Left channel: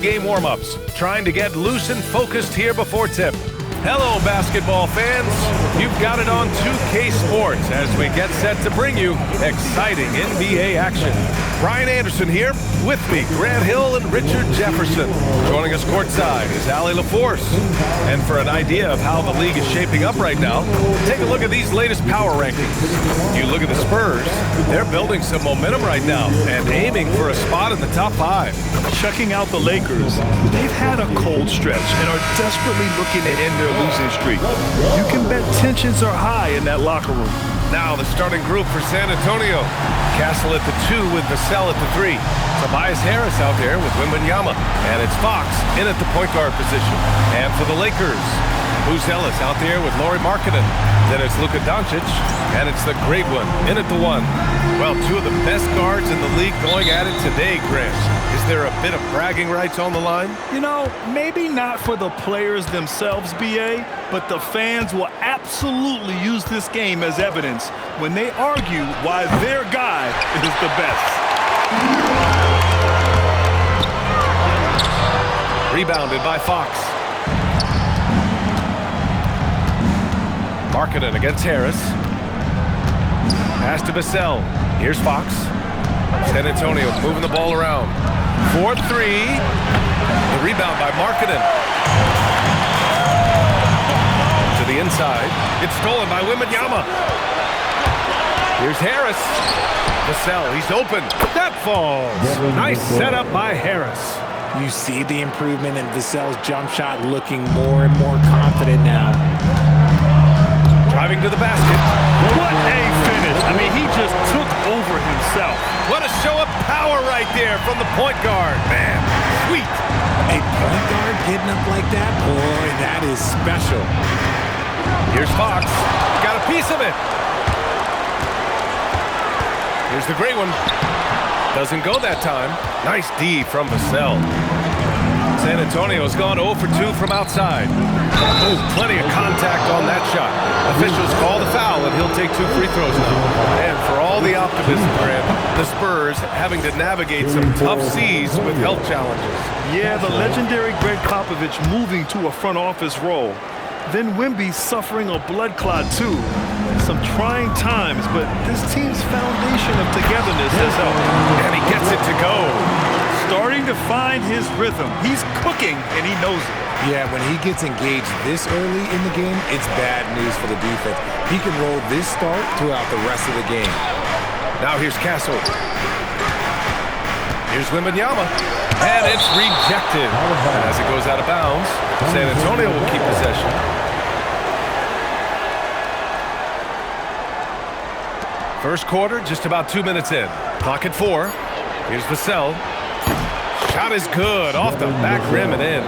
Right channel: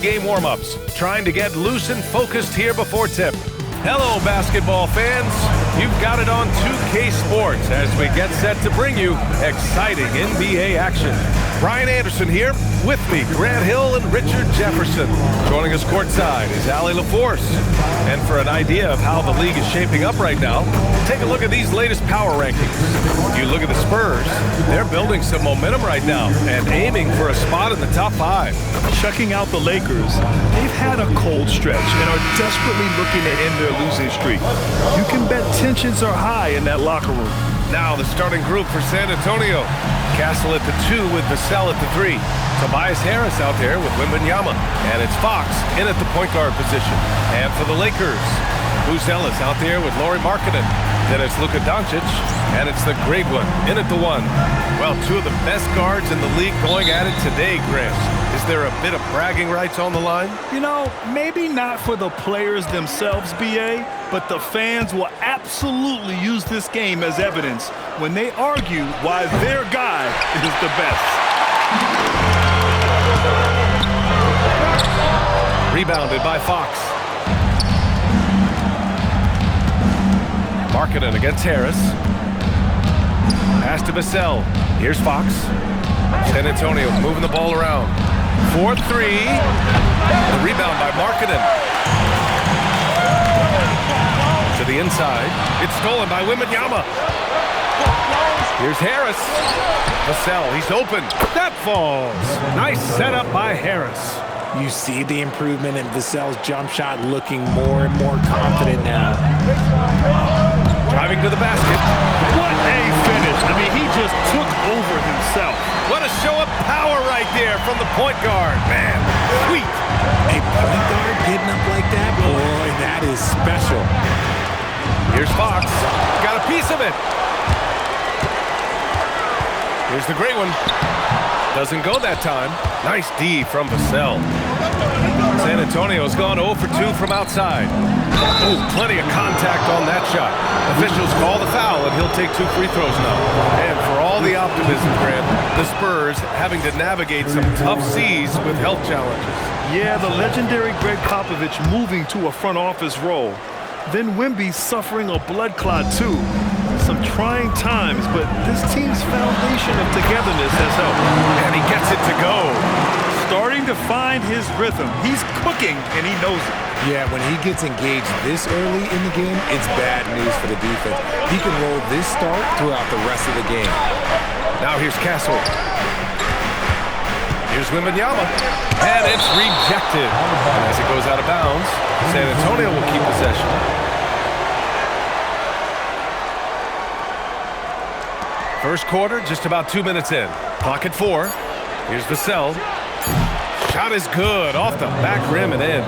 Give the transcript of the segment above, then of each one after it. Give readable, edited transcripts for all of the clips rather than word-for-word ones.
Game warm-ups, trying to get loose and focused here before tip. Hello, basketball fans. You've got it on 2K Sports as we get set to bring you exciting NBA action. Brian Anderson here, with me, Grant Hill and Richard Jefferson. Joining us courtside is Allie LaForce. And for an idea of how the league is shaping up right now, take a look at these latest power rankings. You look at the Spurs, they're building some momentum right now and aiming for a spot in the top 5. Checking out the Lakers, they've had a cold stretch and are desperately looking to end their losing streak. You can bet tensions are high in that locker room. Now the starting group for San Antonio. Castle at the 2 with Vassell at the 3. Tobias Harris out there with Wembanyama. And it's Fox in at the point guard position. And for the Lakers, Buzelis out there with Lauri Markkanen. Then it's Luka Doncic, and it's the great one in at the 1. Well, 2 of the best guards in the league going at it today, Grant. Is there a bit of bragging rights on the line? You know, maybe not for the players themselves, BA, but the fans will absolutely use this game as evidence when they argue why their guy is the best. Rebounded by Fox. Markkanen against Harris. Pass to Vassell. Here's Fox. San Antonio moving the ball around. 4-3. The rebound by Markkanen. To the inside. It's stolen by Wembanyama. Here's Harris. Vassell, he's open. That falls. Nice setup by Harris. You see the improvement in Vassell's jump shot, looking more and more confident now. Driving to the basket. What a finish. I mean, he just took over himself. What a show of power right there from the point guard. Man, sweet. A point guard getting up like that? Boy, that is special. Here's Fox. He got a piece of it. Here's the great one. Doesn't go that time. Nice D from Vassell. San Antonio's gone 0 for 2 from outside. Ooh, plenty of contact on that shot. Officials call the foul, and he'll take 2 free throws now. And for all the optimism, Grant, the Spurs having to navigate some tough seas with health challenges. Yeah, the legendary Greg Popovich moving to a front office role. Then Wemby suffering a blood clot, too. Some trying times, but this team's foundation of togetherness has helped. And he gets it to go. Starting to find his rhythm. He's cooking, and he knows it. Yeah, when he gets engaged this early in the game, it's bad news for the defense. He can roll this start throughout the rest of the game. Now here's Castle. Here's Wembanyama. And it's rejected. And as it goes out of bounds, San Antonio will keep possession. First quarter, just about 2 minutes in. Clock at 4. Here's Vassell. Shot is good, off the back rim and in.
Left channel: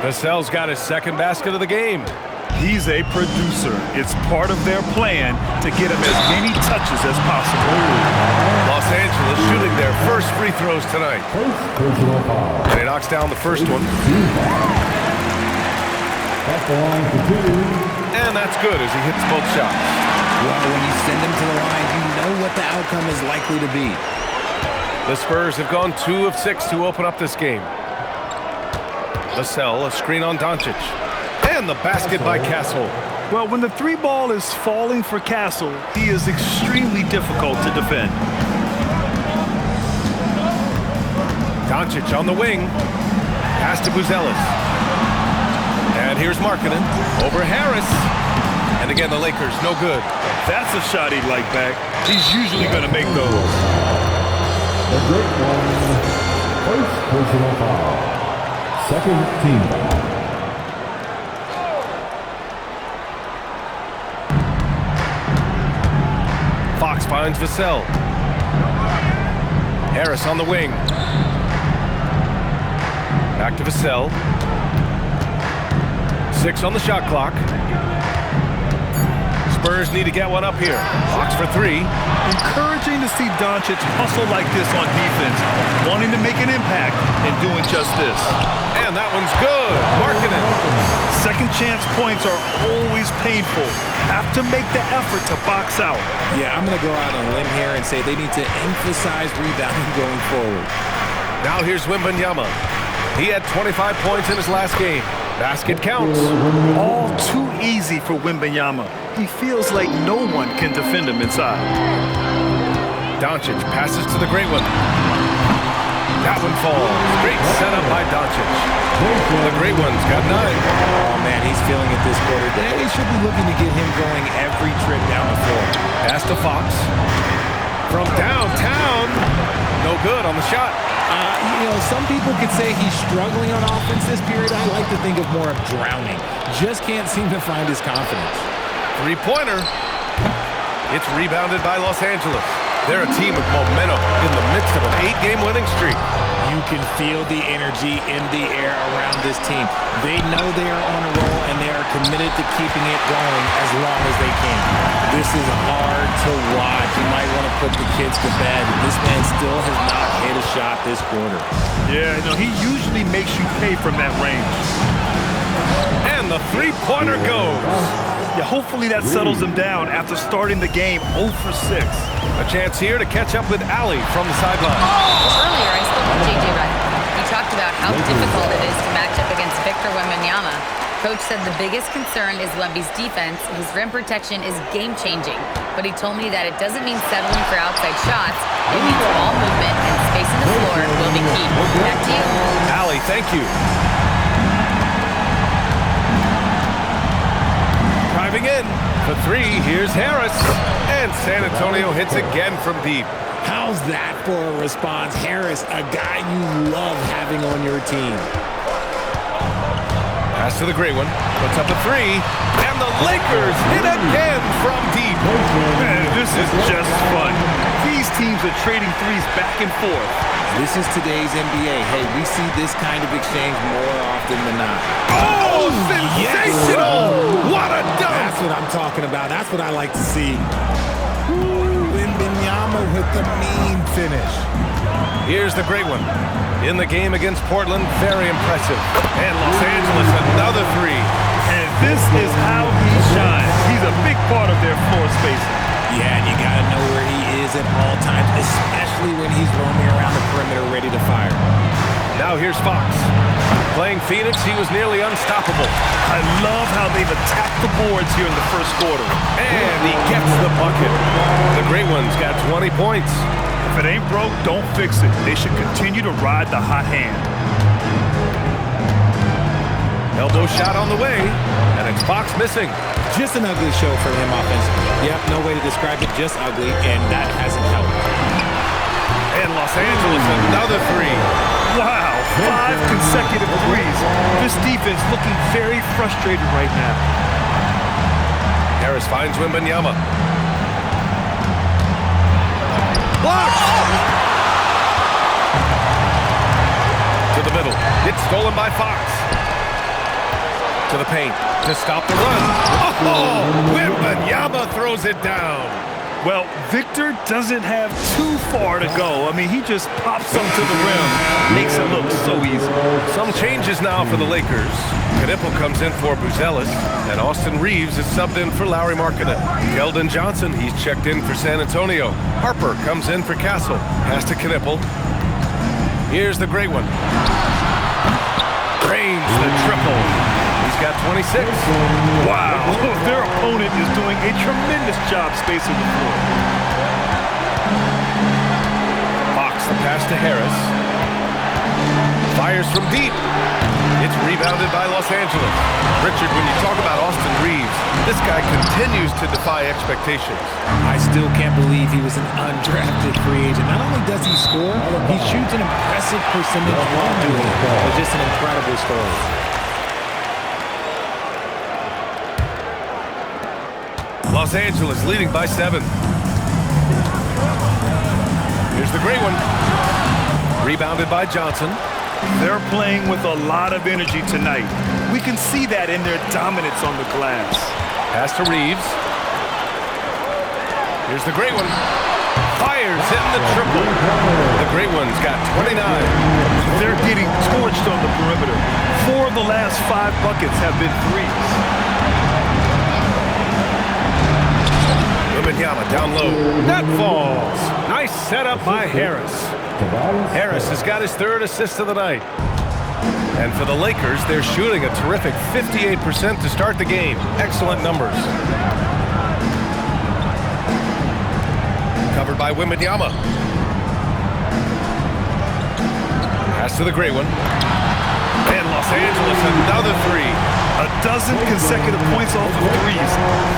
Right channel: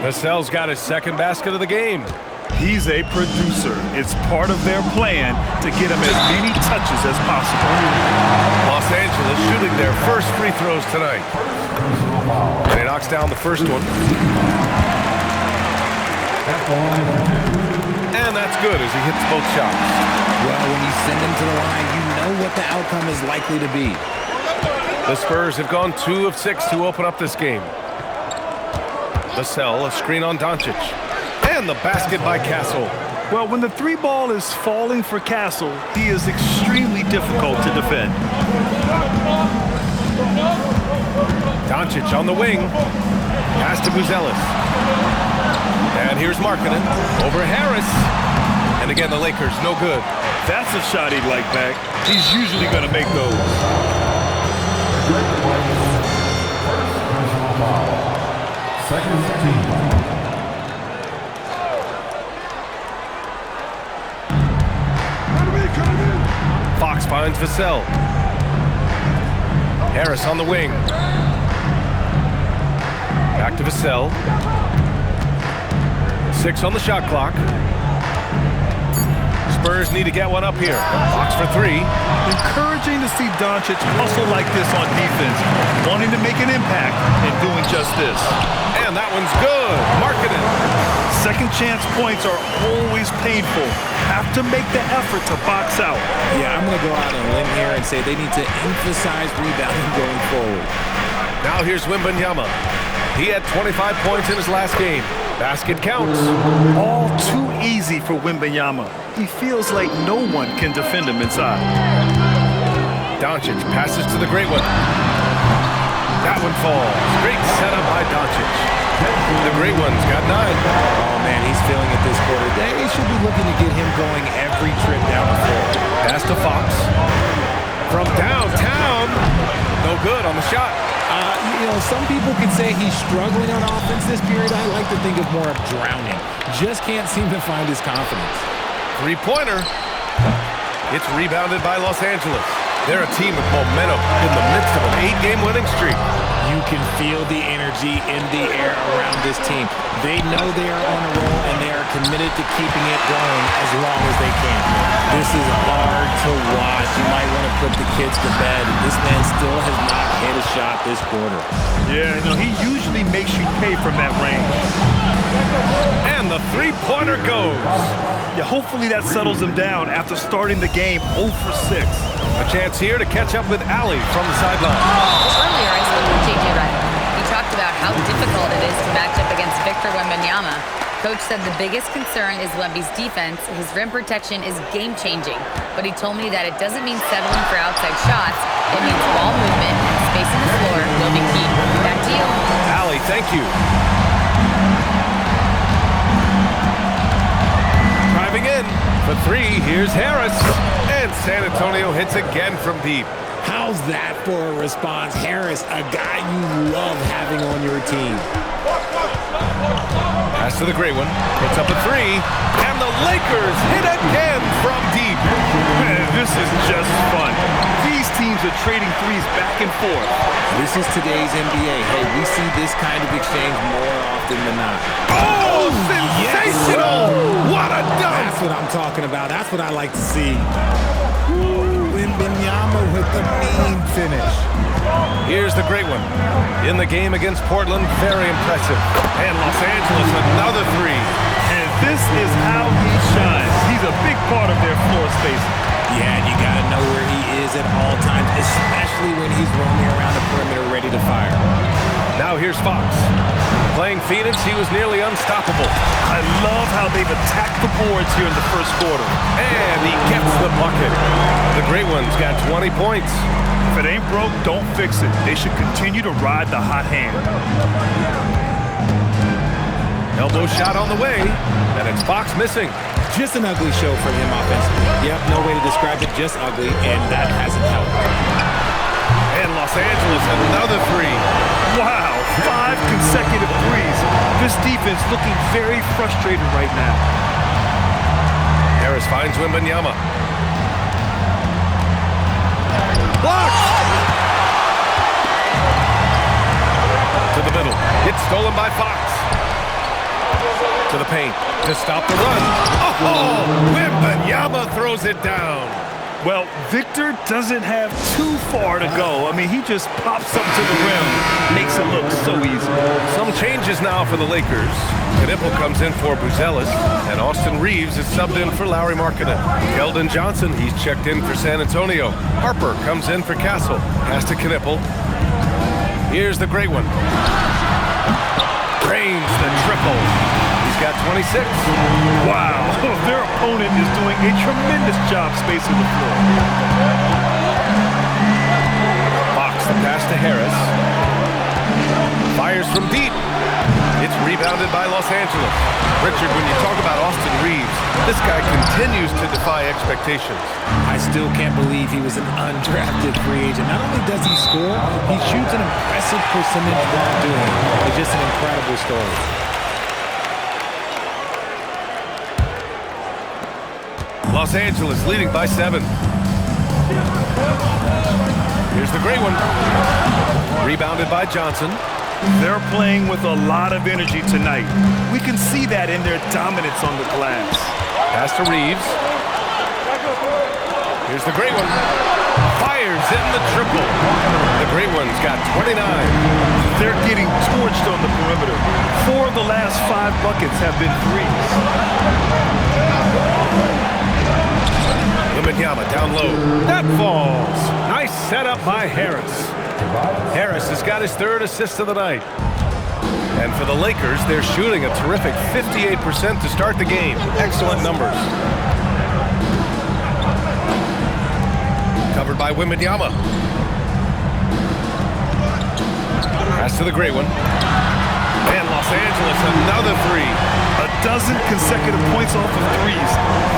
Vassell's got his second basket of the game. He's a producer. It's part of their plan to get him as many touches as possible. Los Angeles shooting their first free throws tonight. And he knocks down the first one. And that's good as he hits both shots. Well, when you send him to the line, you know what the outcome is likely to be. The Spurs have gone 2 of 6 to open up this game. Vassell, a screen on Doncic. And the basket by Castle. Well, when the 3 ball is falling for Castle, he is extremely difficult to defend. Doncic on the wing. Pass to Buzelis. And here's Markkanen. Over Harris. And again, the Lakers, no good. That's a shot he'd like back. He's usually going to make those. Great one. First personal foul. Second team foul. Fox finds Vassell. Harris on the wing. Back to Vassell. 6 on the shot clock. Spurs need to get one up here. Fox for 3. Encouraging to see Doncic hustle like this on defense, wanting to make an impact and doing just this. And that one's good. Markkanen. Second chance points are always painful. Have to make the effort to box out. Yeah, I'm going to go out on a limb here and say they need to emphasize rebounding going forward. Now here's Wembanyama. He had 25 points in his last game. Basket counts. All too easy for Wembanyama. He feels like no one can defend him inside. Doncic passes to the great one. That one falls. Great setup by Doncic. The great one's got 9. Oh, man, he's feeling it this quarter. They should be looking to get him going every trip down the floor. Pass to Fox. From downtown. No good on the shot. Some people could say he's struggling on offense this period. I like to think of more of drowning. Just can't seem to find his confidence. Three-pointer. It's rebounded by Los Angeles. They're a team with momentum in the midst of an 8-game winning streak. You can feel the energy in the air around this team. They know they are on a roll, and they are committed to keeping it going as long as they can. This is hard to watch. You might want to put the kids to bed. This man still has not hit a shot this quarter. Yeah, he usually makes you pay from that range. And the three-pointer goes. Yeah, hopefully that settles him down after starting the game 0 for 6. A chance here to catch up with Allie from the sideline. Earlier, I spoke with J.J. Redick. He talked about how difficult it is to match up against Victor Wembanyama. Coach said the biggest concern is Wemby's defense. His rim protection is game-changing. But he told me that it doesn't mean settling for outside shots. It means ball movement and spacing the floor will be key. Back to you. Allie, thank you. Driving in for 3, here's Harris. And San Antonio hits again from deep. How's that for a response? Harris, a guy you love having on your team. Pass to the great one. Puts up a 3. And the Lakers hit again from deep. Man, this is just fun. These teams are trading threes back and forth. This is today's NBA. Hey, we see this kind of exchange more often than not. Oh, sensational! What a dunk! That's what I'm talking about. That's what I like to see. Wembanyama with the mean finish. Here's the great one. In the game against Portland, very impressive. And Los Angeles, another 3. And this is how he shines. He's a big part of their floor spacing. Yeah, and you got to know where he is at all times, especially when he's roaming around the perimeter ready to fire. Now here's Fox. Playing Phoenix, he was nearly unstoppable. I love how they've attacked the boards here in the first quarter. And he gets the bucket. The great one's got 20 points. If it ain't broke, don't fix it. They should continue to ride the hot hand. Elbow shot on the way, and it's Fox missing. Just an ugly show from him offensively. Yep, no way to describe it, just ugly, and that hasn't helped. And Los Angeles, another 3. Wow, 5 consecutive threes. This defense looking very frustrated right now. Harris finds Wembanyama. Blocked! To the middle. It's stolen by Fox. To the paint to stop the run. Oh, Wembanyama throws it down. Well, Victor doesn't have too far to go. I mean, he just pops them to the rim. Makes it look so easy. Some changes now for the Lakers. Knipple comes in for Buzelis, and Austin Reeves is subbed in for Lauri Markkanen. Keldon Johnson, he's checked in for San Antonio. Harper comes in for Castle. Pass to Knipple. Here's the great one. Drains the triple. He's got 26. Wow, their opponent is doing a tremendous job spacing the floor. Fox, the pass to Harris. Fires from deep. It's rebounded by Los Angeles. Richard, when you talk about Austin Reeves, this guy continues to defy expectations. I still can't believe he was an undrafted free agent. Not only does he score, he shoots an impressive percentage while doing it. It's just an incredible story. Los Angeles leading by 7. Here's the great one. Rebounded by Johnson. They're playing with a lot of energy tonight. We can see that in their dominance on the glass. Pass to Reeves. Here's the great one. Fires in the triple. The great one's got 29. They're getting torched on the perimeter. 4 of the last 5 buckets have been threes. Wembanyama down low. That falls. Nice setup by Harris. Harris has got his 3rd assist of the night. And for the Lakers, they're shooting a terrific 58% to start the game. Excellent numbers. Covered by Wembanyama. Pass to the great one. And Los Angeles, another three. A dozen consecutive points off of threes.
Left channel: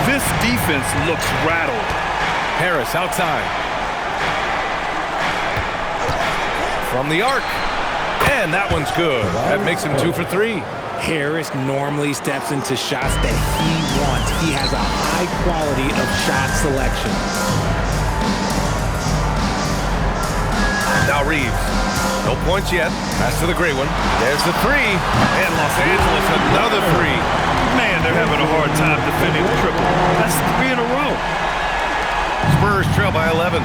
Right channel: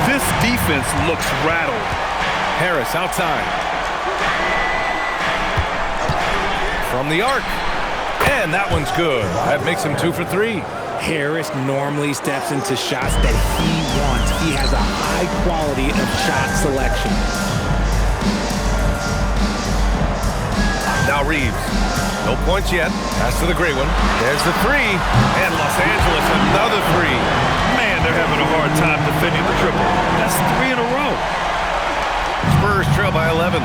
This defense looks rattled. Harris outside. From the arc. And that one's good. That makes him 2 for 3. Harris normally steps into shots that he wants. He has a high quality of shot selection. Now Reeves. No points yet. Pass to the great one. There's the three. And Los Angeles, another three. Man, they're having a hard time defending the triple. That's 3 in a row. Spurs trail by 11.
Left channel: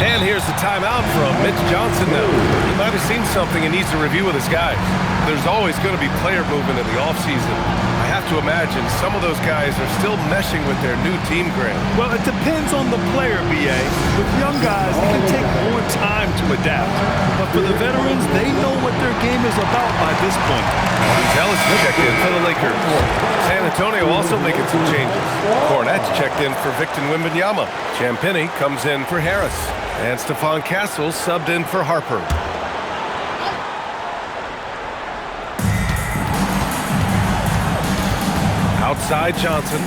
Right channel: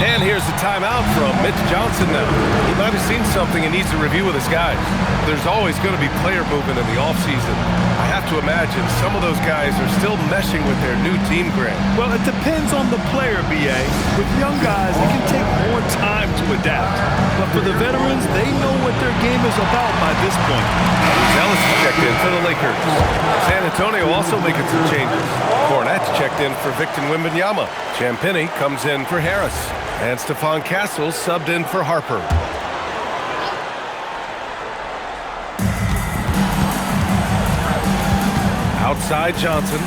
And here's the timeout from Mitch Johnson now. He might have seen something and needs to review with his guys. There's always going to be player movement in the offseason. I have to imagine some of those guys are still meshing with their new team, Grant. Well, it depends on the player, B.A. With young guys, it can take more time to adapt. But for the veterans, they know what their game is about by this point. Ellis checked in for the Lakers. San Antonio also making some changes. Cornette's checked in for Victor Wembanyama. Champagnie comes in for Harris. And Stephon Castle subbed in for Harper. Outside Johnson.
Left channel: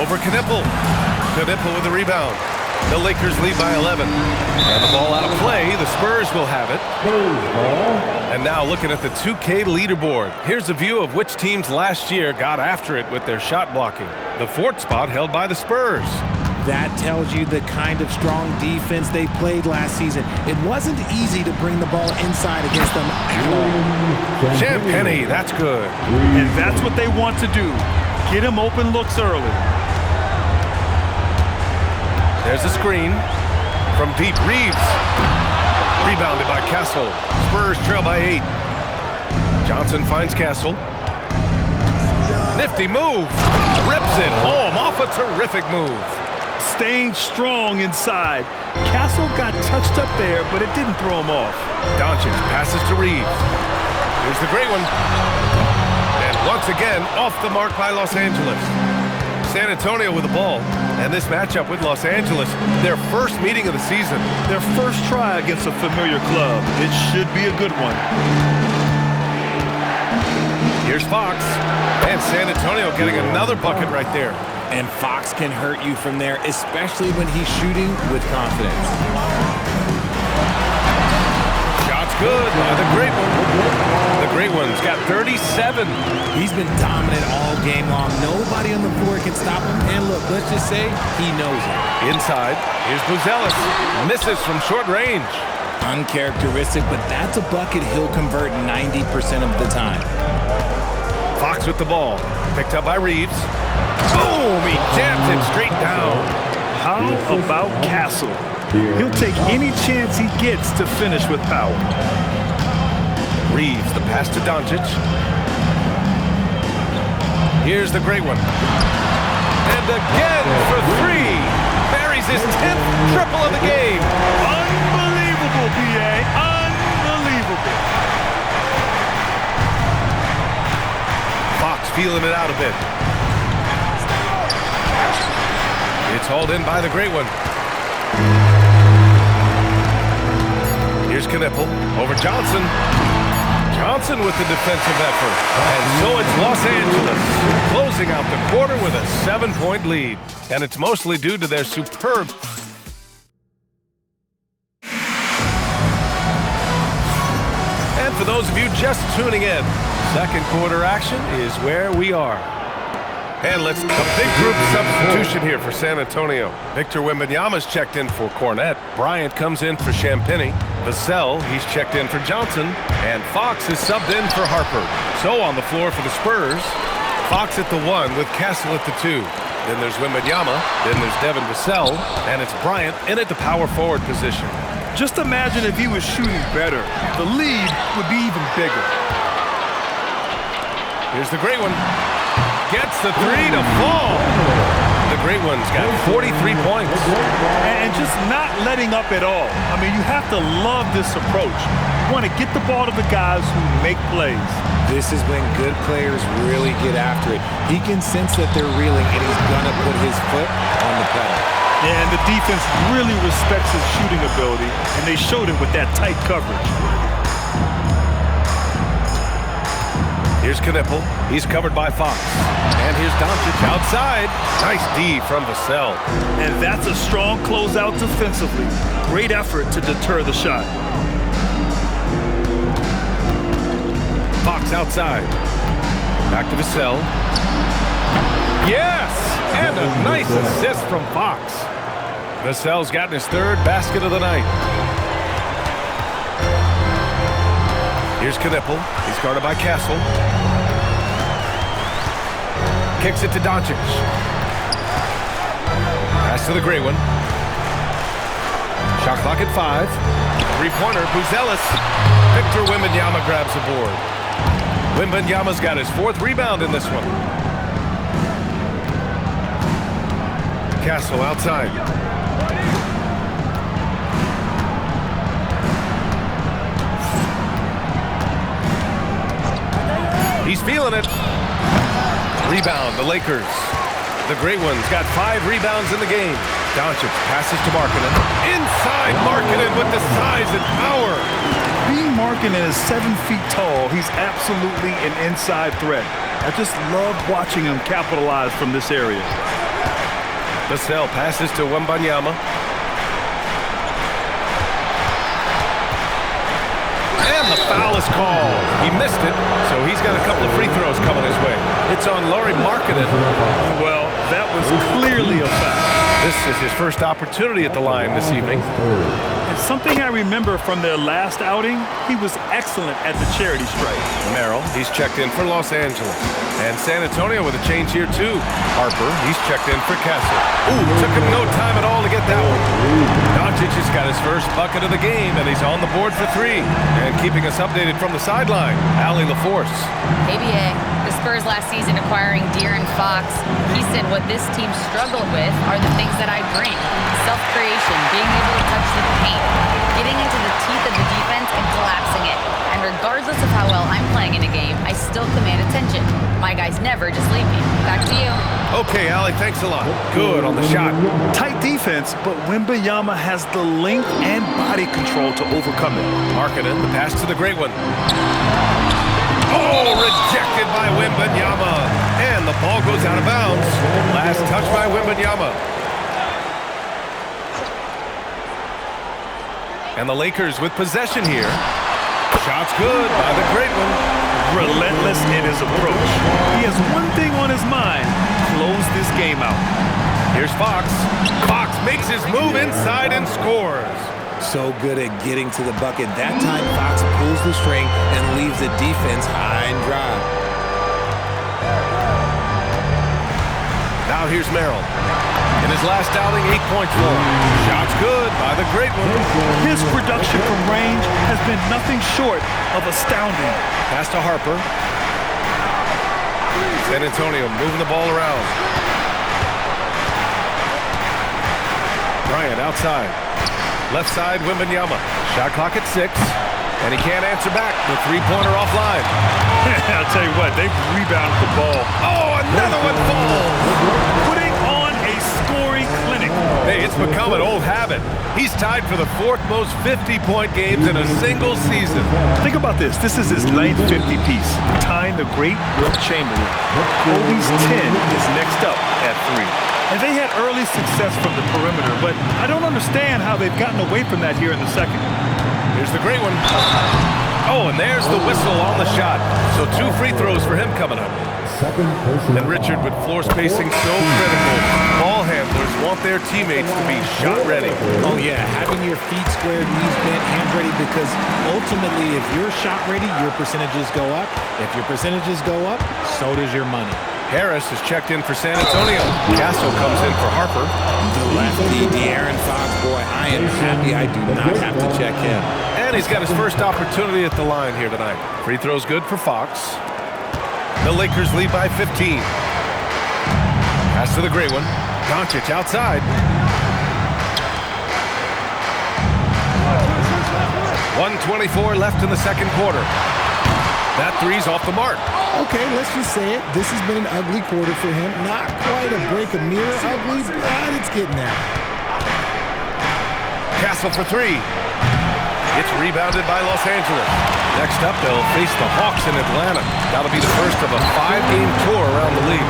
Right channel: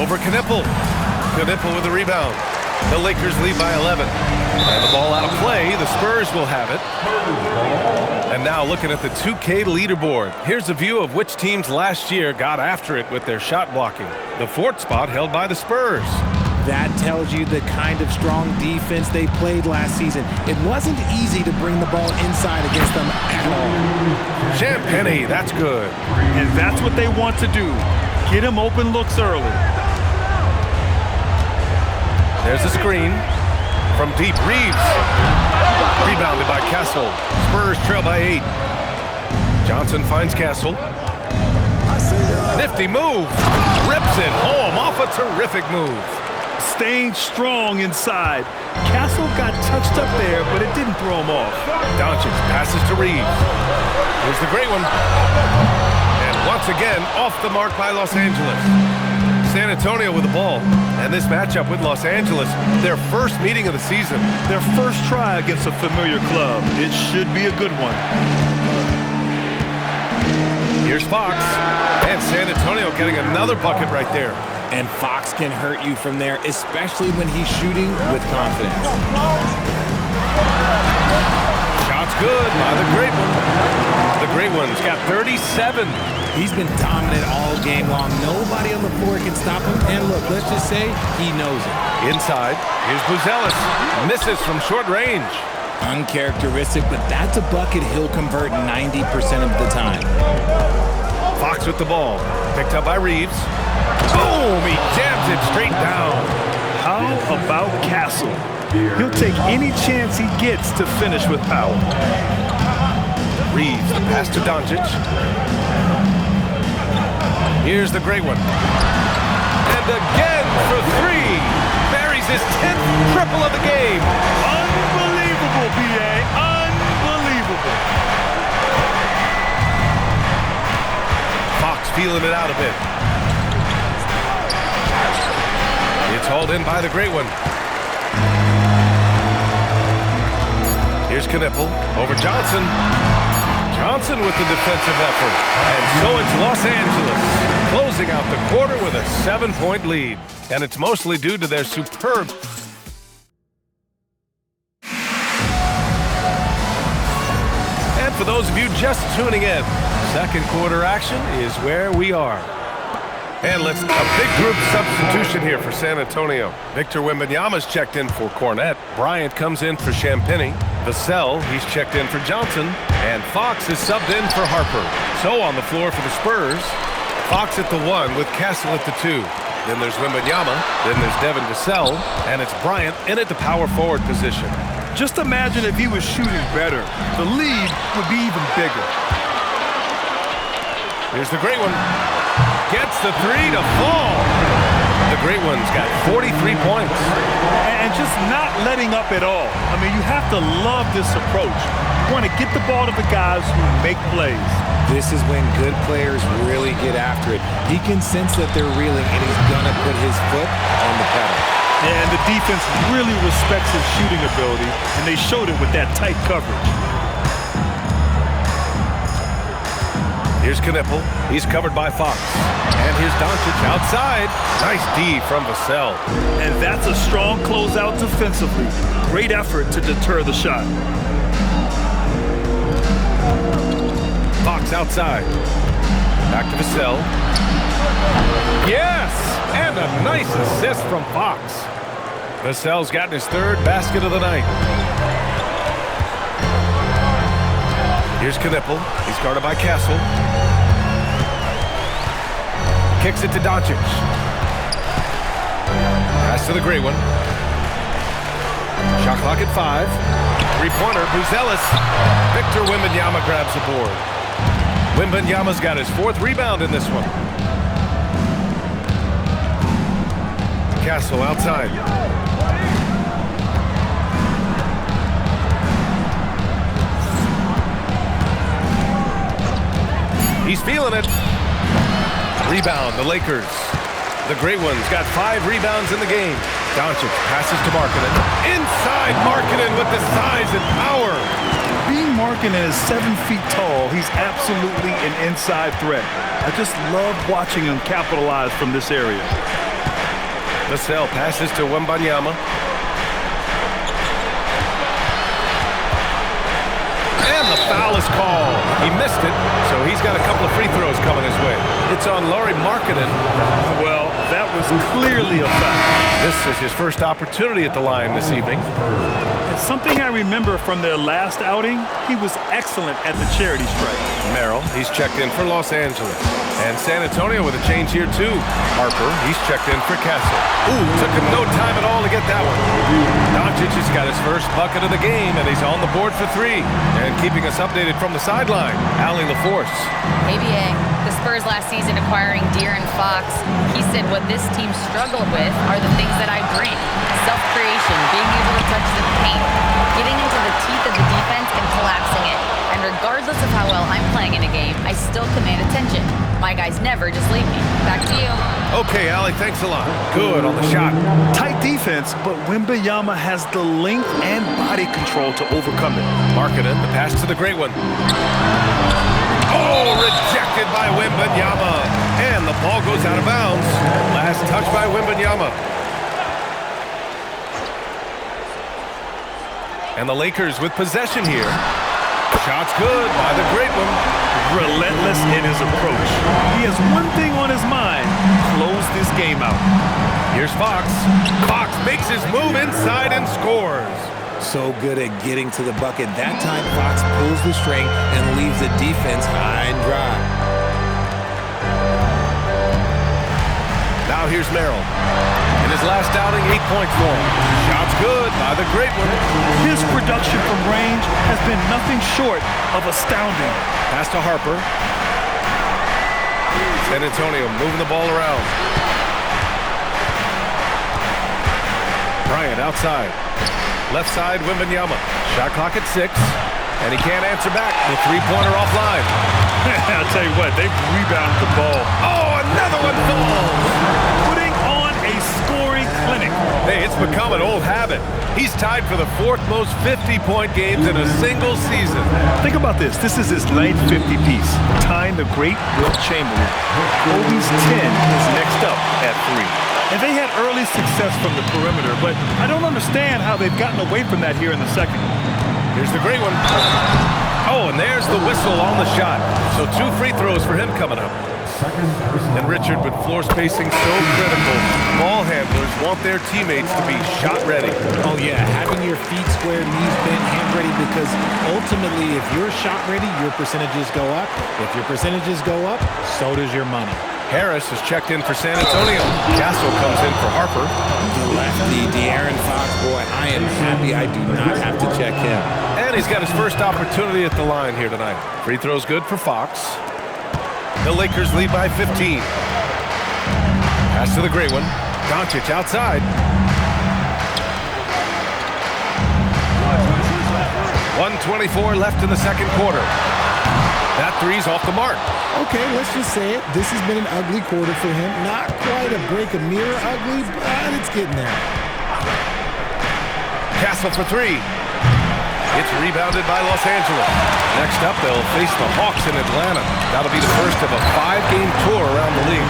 Over Knipple. Knipple with the rebound. The Lakers lead by 11. And the ball out of play. The Spurs will have it. And now looking at the 2K leaderboard. Here's a view of which teams last year got after it with their shot blocking. The 4th spot held by the Spurs. That tells you the kind of strong defense they played last season. It wasn't easy to bring the ball inside against them at all. Champagnie, that's good. And that's what they want to do. Get him open looks early. There's a screen from deep. Reeves. Rebounded by Castle. Spurs trail by 8. Johnson finds Castle. Nifty move. Rips it home off a terrific move. Staying strong inside. Castle got touched up there, but it didn't throw him off. Doncic passes to Reeves. Here's the great one. And once again, off the mark by Los Angeles. San Antonio with the ball. And this matchup with Los Angeles, their first meeting of the season. Their first try against a familiar club. It should be a good one. Here's Fox. And San Antonio getting another bucket right there. And Fox can hurt you from there, especially when he's shooting with confidence. Shot's good by the great one. The great one's got 37. He's been dominant all game long. Nobody on the floor can stop him. And look, let's just say he knows it. Inside, here's Buzelis. Misses from short range. Uncharacteristic, but that's a bucket he'll convert 90% of the time. Fox with the ball. Picked up by Reeves. Boom! He jams it straight down. How about Castle? He'll take any chance he gets to finish with power. Reeves, the pass to Doncic. Here's the great one. And again for 3. Buries his 10th triple of the game. Unbelievable, B.A. Unbelievable. Fox feeling it out a bit. It's hauled in by the great one. Here's Knipple over Johnson. Johnson with the defensive effort. And so it's Los Angeles closing out the quarter with a 7-point lead. And it's mostly due to their superb... And for those of you just tuning in, second quarter action is where we are. And a big group substitution here for San Antonio. Victor Wembanyama's checked in for Cornette. Bryant comes in for Champagnie. Vassell, he's checked in for Johnson. And Fox is subbed in for Harper. So on the floor for the Spurs, Fox at the 1 with Castle at the 2. Then there's Wembanyama. Then there's Devin Vassell. And it's Bryant in at the power forward position. Just imagine if he was shooting better. The lead would be even bigger. Here's the great one. Gets the 3 to fall. The great one's got 43 points. And just not letting up at all. I mean, you have to love this approach. You want to get the ball to the guys who make plays. This is when good players really get after it. He can sense that they're reeling, and he's going to put his foot on the pedal. And the defense really respects his shooting ability, and they showed it with that tight coverage. Here's Knipple. He's covered by Fox. And here's Doncic outside. Nice D from Vassell. And that's a strong closeout defensively. Great effort to deter the shot. Fox outside. Back to Vassell. Yes! And a nice assist from Fox. Vassell's gotten his third basket of the night. Here's Knipple. He's guarded by Castle. Kicks it to Doncic. Pass to the gray one. Shot clock at 5. Three-pointer, Buzelis. Victor Wembanyama grabs the board. Wembanyama's got his 4th rebound in this one. Castle outside. He's feeling it. Rebound, the Lakers. The great one's got 5 rebounds in the game. Doncic passes to Markkanen. Inside Markkanen with the size and power. Being Markkanen is 7 feet tall, he's absolutely an inside threat. I just love watching him capitalize from this area. Vassell passes to Wembanyama. And the foul is called. He missed it, so he's got a couple of free throws coming his way. It's on Lauri Markkanen. Well, that was clearly a foul. This is his first opportunity at the line this evening. And something I remember from their last outing, he was excellent at the charity stripe. Merrill, he's checked in for Los Angeles. And San Antonio with a change here too. Harper, he's checked in for Castle. Ooh, took him no time at all to get that one. Doncic has got his first bucket of the game, and he's on the board for 3. And keeping us updated from the sideline, Allie LaForce. Hey, BA. The Spurs last season acquiring De'Aaron Fox, he said what this team struggled with are the things that I bring. Self-creation, being able to touch the paint, getting into the teeth of the defense and collapsing it. And regardless of how well I'm playing in a game, I still command attention. My guys never just leave me. Back to you. Okay, Allie, thanks a lot. Good on the shot. Tight defense, but Wembanyama has the length and body control to overcome it. Markkanen, the pass to the great one. Oh, rejected by Wembanyama. And the ball goes out of bounds. Last touch by Wembanyama. And the Lakers with possession here. Shot's good by the great one. Relentless in his approach. He has one thing on his mind: close this game out. Here's Fox. Fox makes his move inside and scores. So good at getting to the bucket. That time, Fox pulls the string and leaves the defense high and dry. Now here's Merrill. In his last outing, 8 points for him. Shot's good by the great one. His production from range has been nothing short of astounding. Pass to Harper. San Antonio moving the ball around. Bryant outside. Left side, Wembanyama. Shot clock at 6. And he can't answer back. The three-pointer offline. I'll tell you what, they've rebounded the ball. Oh, another one falls. Putting on a scoring clinic. Hey, it's become an old habit. He's tied for the 4th most 50-point games in a single season. Think about this. This is his 9th 50-piece, tying the great Wilt Chamberlain. Kobe's 10 is next up at 3. And they had early success from the perimeter, but I don't understand how they've gotten away from that here in the second. Here's the great one. Oh, and there's the whistle on the shot. So 2 free throws for him coming up. And Richard, with floor spacing so critical, ball handlers want their teammates to be shot ready. Oh, yeah, having your feet squared, knees bent, hands ready, because ultimately, if you're shot ready, your percentages go up. If your percentages go up, so does your money. Harris is checked in for San Antonio. Castle comes in for Harper. The lefty, De'Aaron Fox, boy, I am happy I do not have to check him. And he's got his first opportunity at the line here tonight. Free throw's good for Fox. The Lakers lead by 15. Pass to the great one. Doncic outside. 1:24 left in the second quarter. That three's off the mark. Okay, let's just say it. This has been an ugly quarter for him. Not quite a break a mirror ugly, but it's getting there. Castle for three. It's rebounded by Los Angeles. Next up, they'll face the Hawks in Atlanta. That'll be the first of a 5-game tour around the league.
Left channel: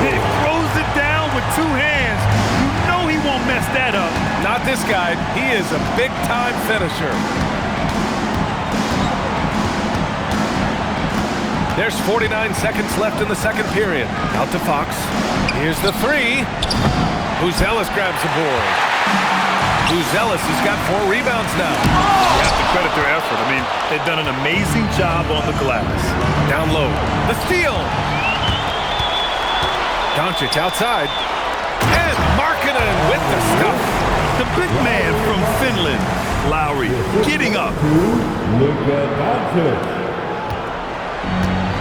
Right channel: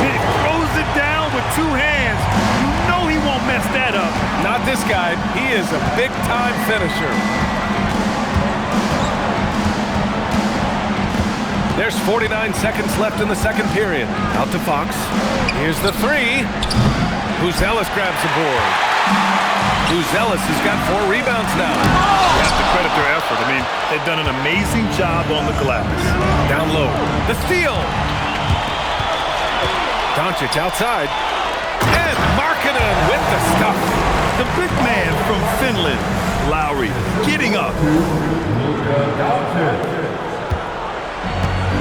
He throws it down with two hands. You know he won't mess that up. Not this guy. He is a big-time finisher. There's 49 seconds left in the second period. Out to Fox. Here's the three. Buzelis grabs the board. Buzelis has got 4 rebounds now. You have to credit their effort. I mean, they've done an amazing job on the glass. Down low. The steal. Doncic outside. And Markkanen with the stuff. The big man from Finland, Lowry, getting up. Luka Doncic.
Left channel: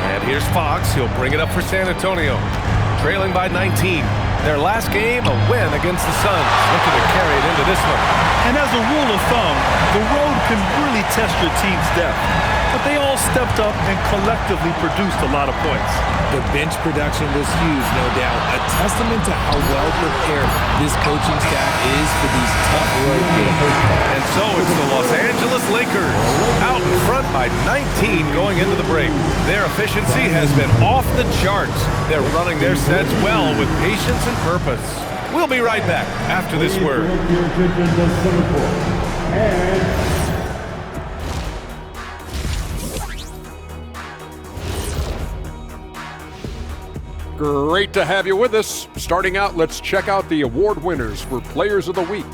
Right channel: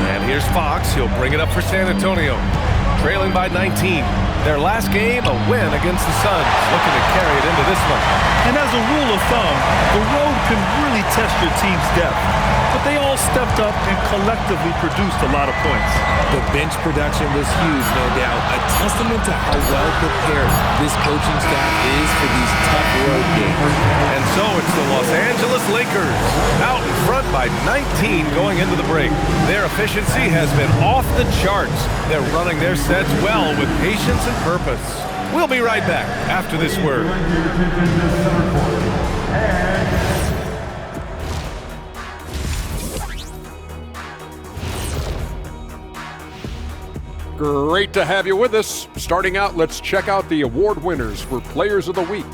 And here's Fox. He'll bring it up for San Antonio. Trailing by 19. Their last game, a win against the Suns. Looking to carry it into this one. And as a rule of thumb, the road can really test your team's depth. But they all stepped up and collectively produced a lot of points. The bench production was huge, no doubt. A testament to how well prepared this coaching staff is for these tough road games. And so it's the Los Angeles Lakers out in front by 19 going into the break. Their efficiency has been off the charts. They're running their sets well with patience and purpose. We'll be right back after this word. Direct your attention to center court. And great to have you with us. Starting out, let's check out the award winners for Players of the Week.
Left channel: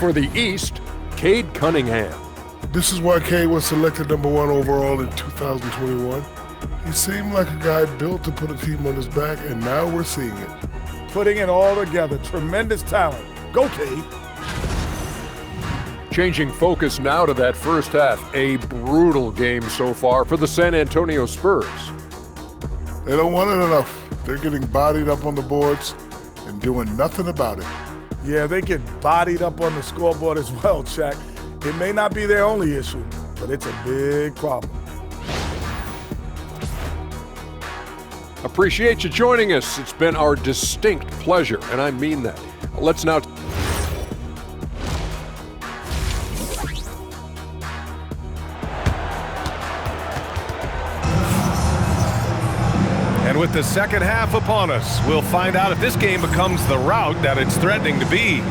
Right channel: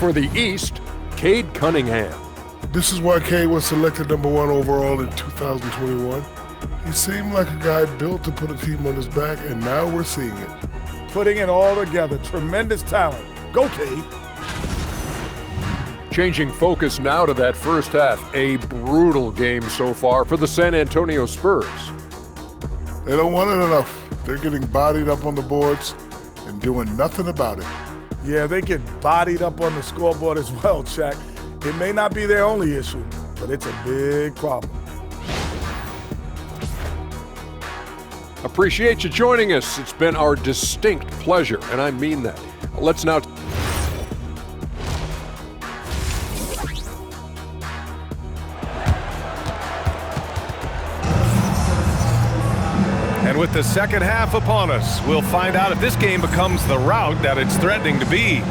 For the East, Cade Cunningham. This is why Cade was selected #1 overall in 2021. He seemed like a guy built to put a team on his back, and now we're seeing it. Putting it all together. Tremendous talent. Go, Cade. Changing focus now to that first half. A brutal game so far for the San Antonio Spurs. They don't want it enough. They're getting bodied up on the boards and doing nothing about it. Yeah, they get bodied up on the scoreboard as well, Shaq. It may not be their only issue, but it's a big problem. Appreciate you joining us. It's been our distinct pleasure, and I mean that. Let's now... And with the second half upon us, we'll find out if this game becomes the rout that it's threatening to be.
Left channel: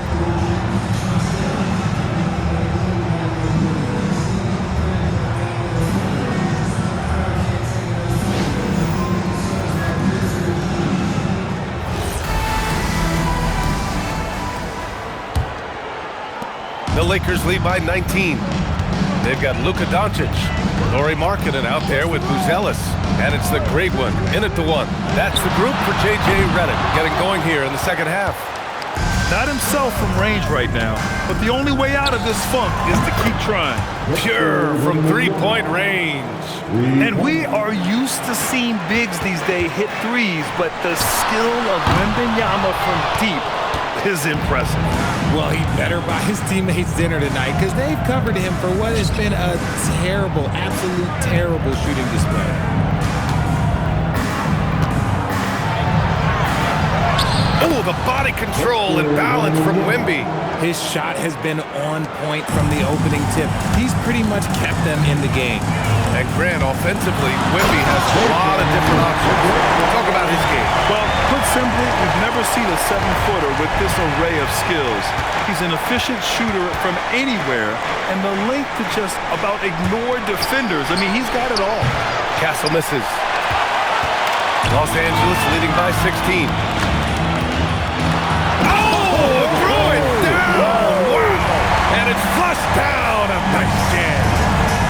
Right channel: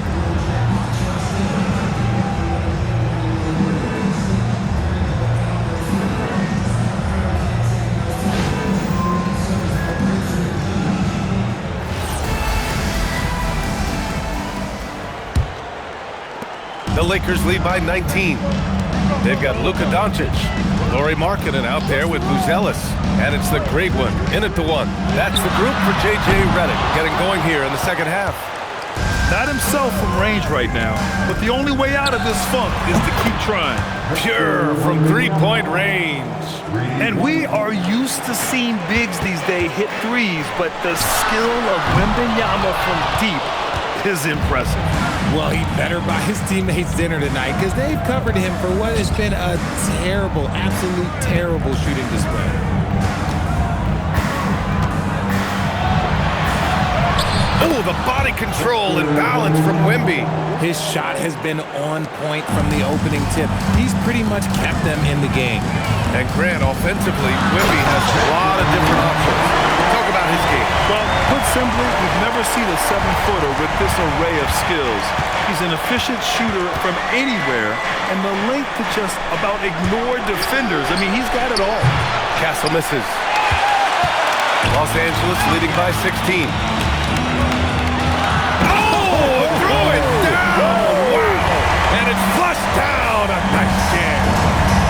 The Lakers lead by 19. They've got Luka Doncic, Lauri Markkanen out there with Buzelis, and it's the great one in at the one. That's the group for J.J. Redick getting going here in the second half. Not himself from range right now, but the only way out of this funk is to keep trying. Pure from three-point range. And we are used to seeing bigs these days hit threes, but the skill of Wembanyama from deep is impressive. Well, he better buy his teammates dinner tonight because they've covered him for what has been a terrible, absolute terrible shooting display. Oh, the body control and balance from Wemby. His shot has been on point from the opening tip. He's pretty much kept them in the game. And Grant, offensively, Wemby has a lot of different options. Talk about his game. Well, put simply, we've never seen a 7-footer with this array of skills. He's an efficient shooter from anywhere, and the length to just about ignore defenders. I mean, he's got it all. Castle misses. Los Angeles leading by 16. Oh, throw it down! Wow! And it's flushed down. A nice jam.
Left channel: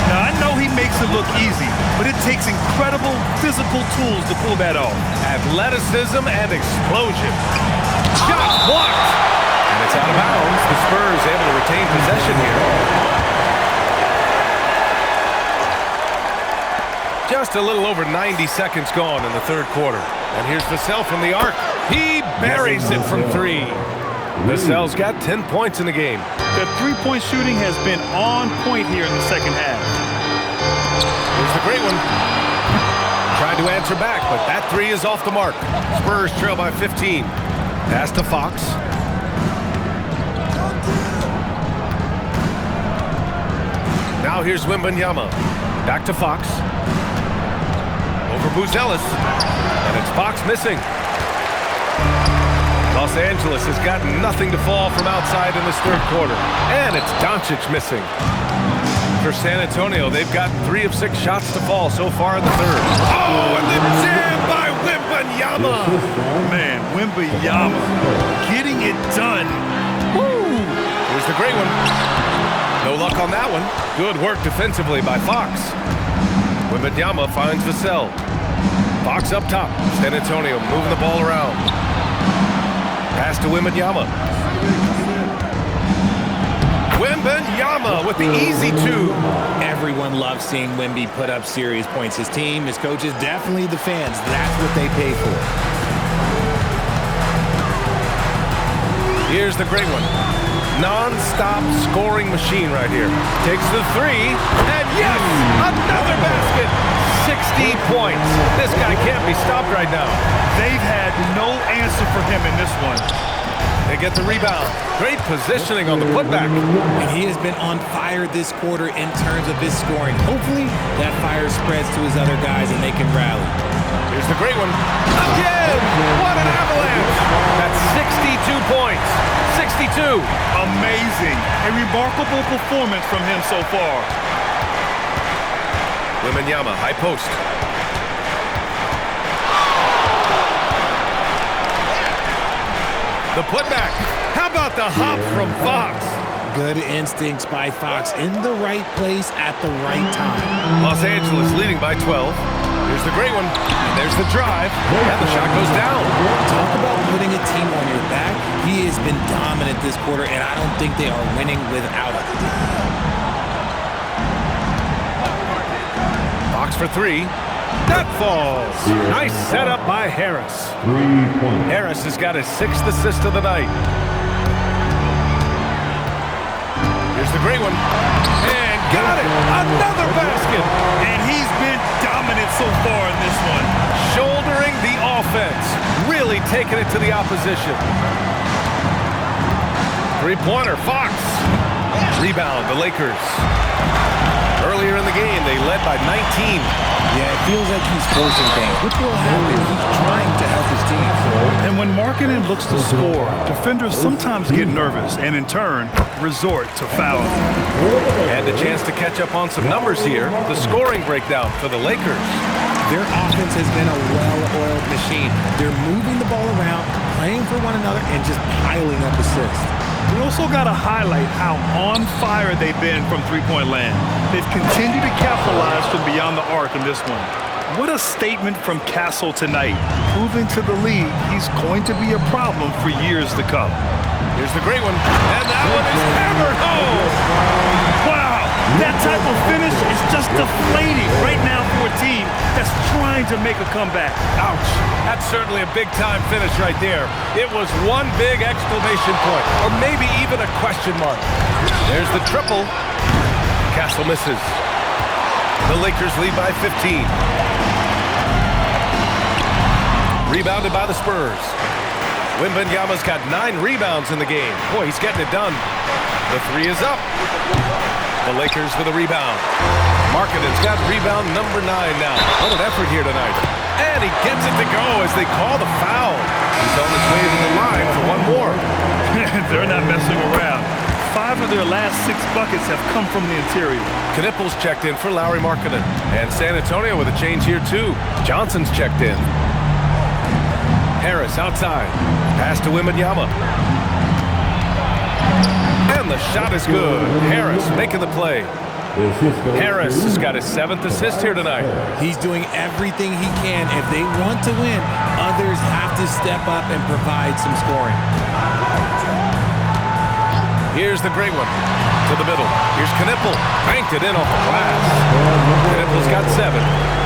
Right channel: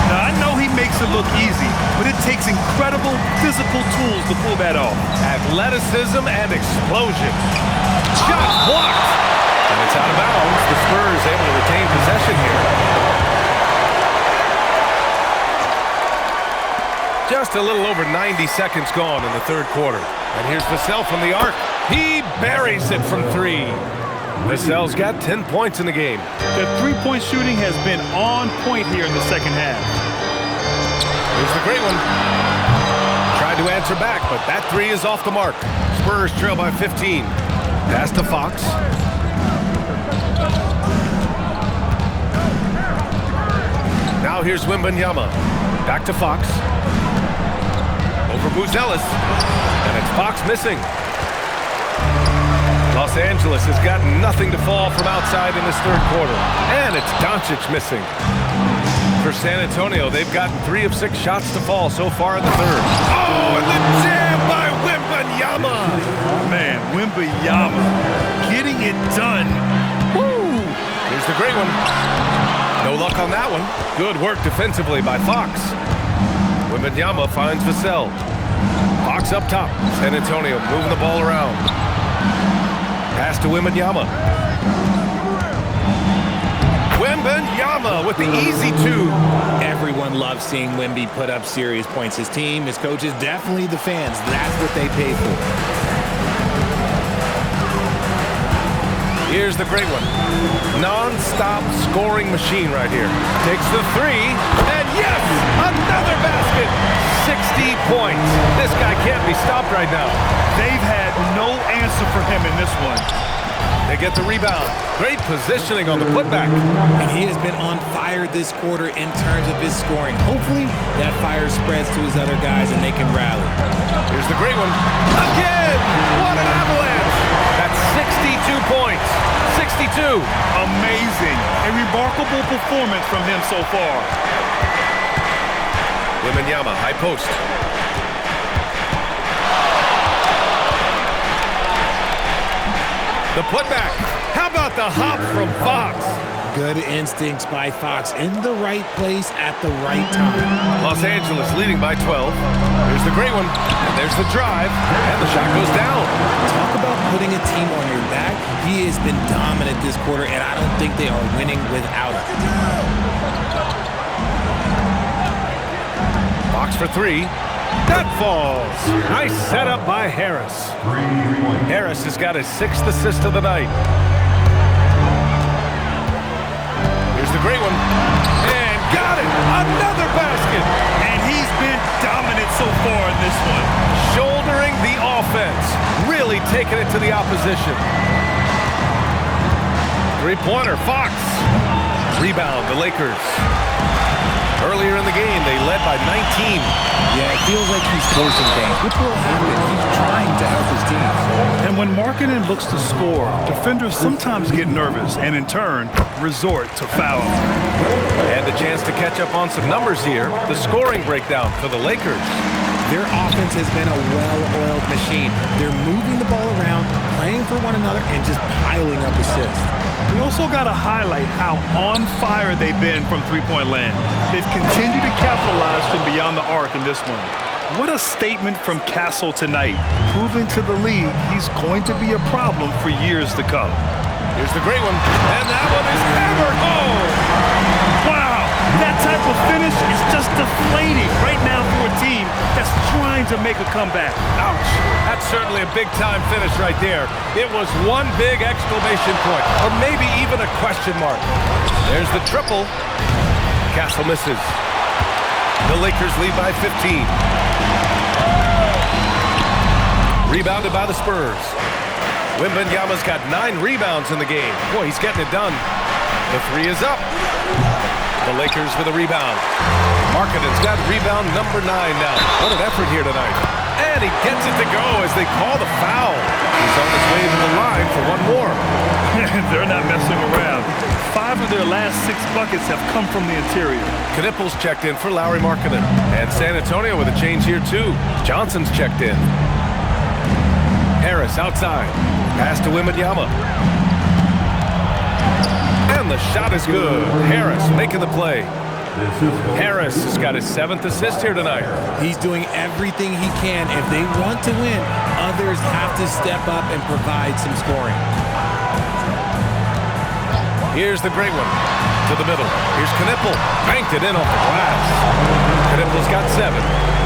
Now, I know he makes it look easy, but it takes incredible physical tools to pull that off. Athleticism and explosion. Shot blocked. And it's out of bounds. The Spurs able to retain possession here. Just a little over 90 seconds gone in the third quarter. And here's Vassell from the arc. He buries it from 3. Vassell's got 10 points in the game. The three-point shooting has been on point here in the second half. Here's the great one. Tried to answer back, but that 3 is off the mark. Spurs trail by 15. Pass to Fox. Now here's Wembanyama. Back to Fox. Over Buzelis. And it's Fox missing. Los Angeles has got nothing to fall from outside in this third quarter. And it's Doncic missing. For San Antonio, they've gotten 3 of 6 shots to fall so far in the third. Oh, and the jam by Wembanyama. Man, Wembanyama getting it done. Woo! Here's the great one. No luck on that one. Good work defensively by Fox. Wembanyama finds Vassell. Fox up top. San Antonio moving the ball around. Pass to Wembanyama. Wembanyama with the easy 2. Everyone loves seeing Wemby put up serious points. His team, his coaches, definitely the fans. That's what they pay for. Here's the great one. Non-stop scoring machine right here. Takes the 3, and yes, another basket. 60 points. This guy can't be stopped right now. They've had no answer for him in this one. They get the rebound. Great positioning on the putback. And he has been on fire this quarter in terms of his scoring. Hopefully, that fire spreads to his other guys and they can rally. Here's the great one. Again! What an avalanche! That's 62 points. 62. Amazing. A remarkable performance from him so far. Wembanyama, high post. The putback. How about the hop from Fox? Good instincts by Fox in the right place at the right time. Los Angeles leading by 12. Here's the great one. And there's the drive. And the shot goes down. Talk about putting a team on your back. He has been dominant this quarter, and I don't think they are winning without him. Fox for 3. That falls. Nice setup by Harris. 3 points. Harris has got his 6th assist of the night. Here's the great one. And got it. Another basket. And he's been dominant so far in this one. Shouldering the offense. Really taking it to the opposition. Three-pointer, Fox. Rebound, the Lakers. Earlier in the game, they led by 19. Yeah, it feels like he's forcing things, which will happen. He's trying to help his team. And when Markkanen looks to score, defenders sometimes get nervous and, in turn, resort to fouling. And a chance to catch up on some numbers here. The scoring breakdown for the Lakers. Their offense has been a well-oiled machine. They're moving the ball around, playing for one another, and just piling up assists. We also got to highlight how on fire they've been from three-point land. They've continued to capitalize from beyond the arc in this one. What a statement from Castle tonight, proving to the league he's going to be a problem for years to come. Here's the great one, and that one is hammered home. Wow, that type of finish is just deflating right now for a team that's trying to make a comeback. Ouch, that's certainly a big-time finish right there. It was one big exclamation point, or maybe even a question mark. There's the triple. Castle misses. The Lakers lead by 15. Rebounded by the Spurs. Wembanyama's got 9 rebounds in the game. Boy, he's getting it done. The 3 is up. The Lakers with a rebound. Markkanen's got rebound number 9 now. What an effort here tonight. And he gets it to go as they call the foul. He's on his way to the line for one more. They're not messing around. 5 of their last 6 buckets have come from the interior. Knipples checked in for Lauri Markkanen. And San Antonio with a change here too. Johnson's checked in. Harris outside. Pass to Wembanyama. And the shot is good. Harris making the play. Harris has got his 7th assist here tonight. He's doing everything he can. If they want to win, others have to step up and provide some scoring. Here's the great one. To the middle. Here's Knipple. Banked it in off the glass. Knipple's got 7.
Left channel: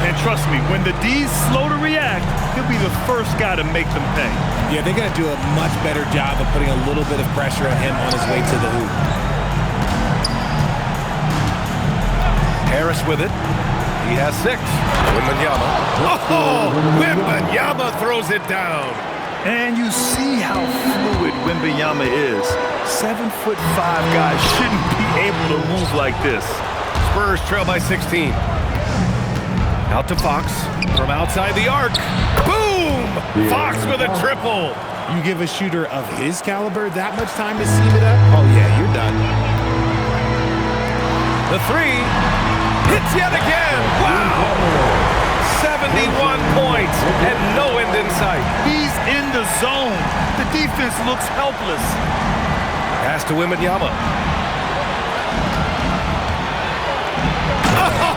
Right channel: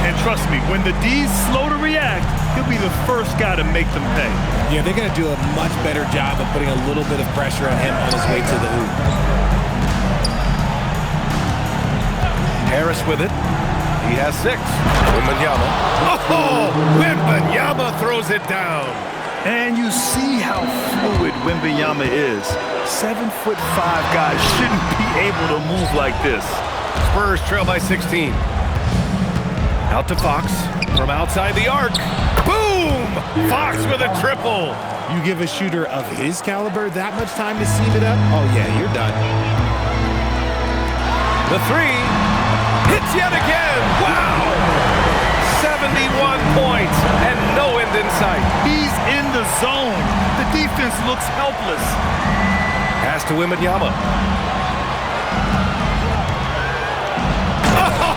And trust me, when the D's slow to react, he'll be the first guy to make them pay. Yeah, they're going to do a much better job of putting a little bit of pressure on him on his way to the hoop. Harris with it. He has 6. Wembanyama. Oh! Wembanyama throws it down. And you see how fluid Wembanyama is. 7'5" guys shouldn't be able to move like this. Spurs trail by 16. Out to Fox from outside the arc. Boom! Fox with a triple. You give a shooter of his caliber that much time to seam it up? Oh, yeah, you're done. The 3 hits yet again. Wow! 71 points and no end in sight. He's in the zone. The defense looks helpless. Pass to Wembanyama.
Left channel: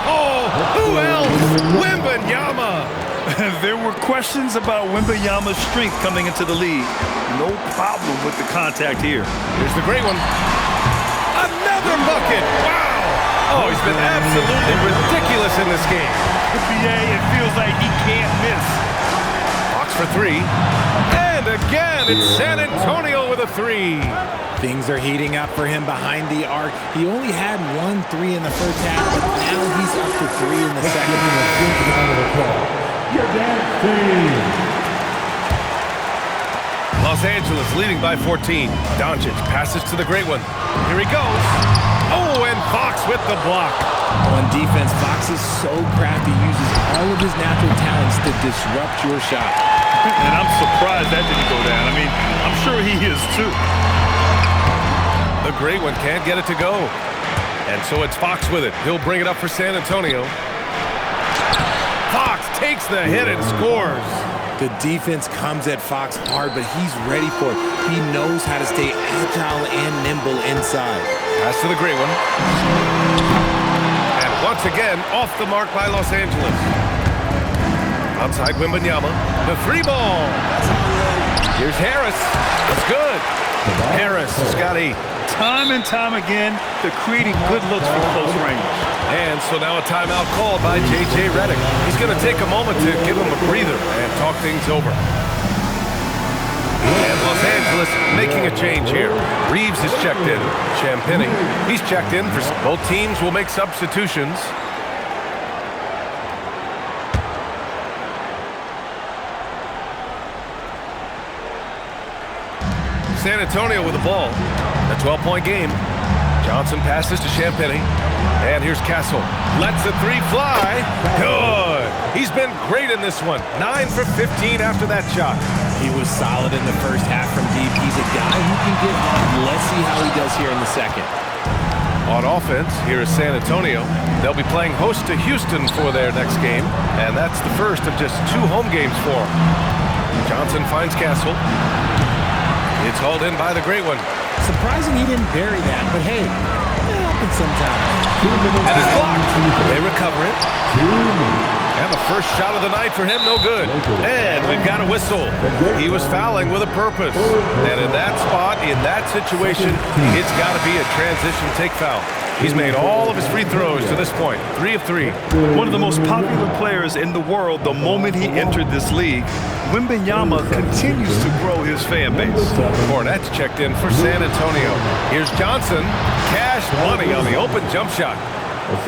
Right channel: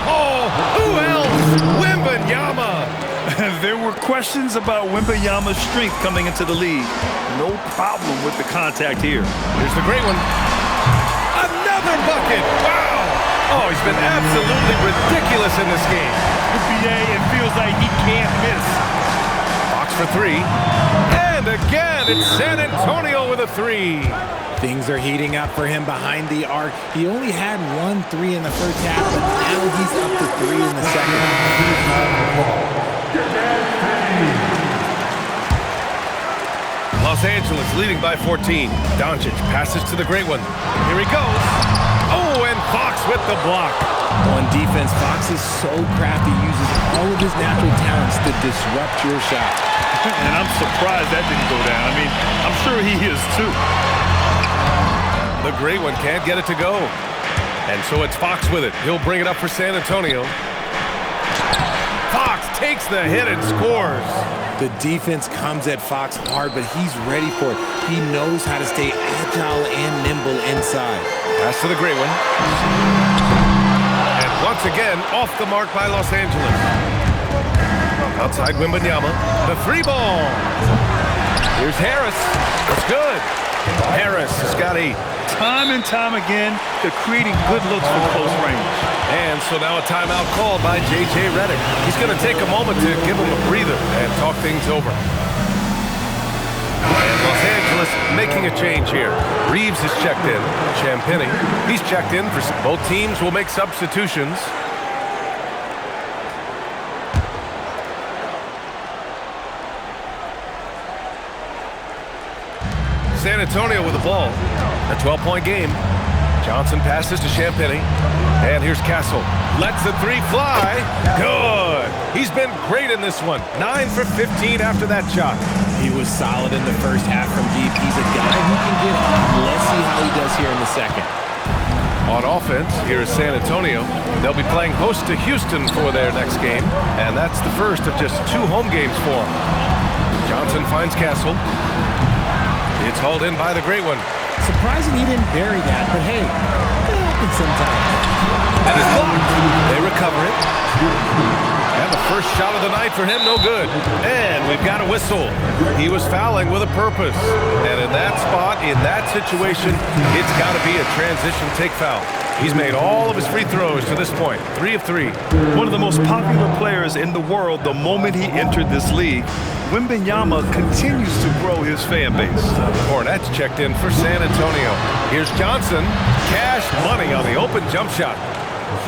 Oh, who else? Wembanyama. There were questions about Wembanyama's strength coming into the league. No problem with the contact here. Here's the great one. Another bucket. Wow. Oh, he's been absolutely ridiculous in this game. The PA, it feels like he can't miss. Fox for 3. And again, it's San Antonio with a 3. Things are heating up for him behind the arc. He only had 1 3 in the first half, but now he's up to 3 in the second. Los Angeles leading by 14. Doncic passes to the great one. Here he goes. Oh, and Fox with the block. On defense, Fox is so crafty, uses all of his natural talents to disrupt your shot. And I'm surprised that didn't go down. I mean, I'm sure he is too. The great one can't get it to go. And so it's Fox with it. He'll bring it up for San Antonio. Fox takes the hit and scores. The defense comes at Fox hard, but he's ready for it. He knows how to stay agile and nimble inside. Pass to the great one. And once again, off the mark by Los Angeles. Outside Wembanyama. The 3 ball. Here's Harris. That's good. Harris has got 8. Time and time again, they're creating good looks from close range. And so now a timeout called by J.J. Redick. He's going to take a moment to give him a breather and talk things over. And Los Angeles making a change here. Reeves is checked in. Champagnie, he's checked in. Both teams will make substitutions. San Antonio with the ball. A 12-point game. Johnson passes to Champagnie. And here's Castle. Lets the 3 fly. Good. He's been great in this one. 9 for 15 after that shot. He was solid in the first half from deep. He's a guy who can get hot. Let's see how he does here in the second. On offense, here is San Antonio. They'll be playing host to Houston for their next game. And that's the first of just 2 home games for them. Johnson finds Castle. It's hauled in by the great one. Surprising he didn't bury that, but hey, it happens sometimes. And it's blocked. They recover it. And the first shot of the night for him, no good. And we've got a whistle. He was fouling with a purpose. And in that spot, in that situation, it's got to be a transition take foul. He's made all of his free throws to this point, 3 of 3. One of the most popular players in the world the moment he entered this league. Wembanyama continues to grow his fan base. Cornette's checked in for San Antonio. Here's Johnson. Cash money on the open jump shot.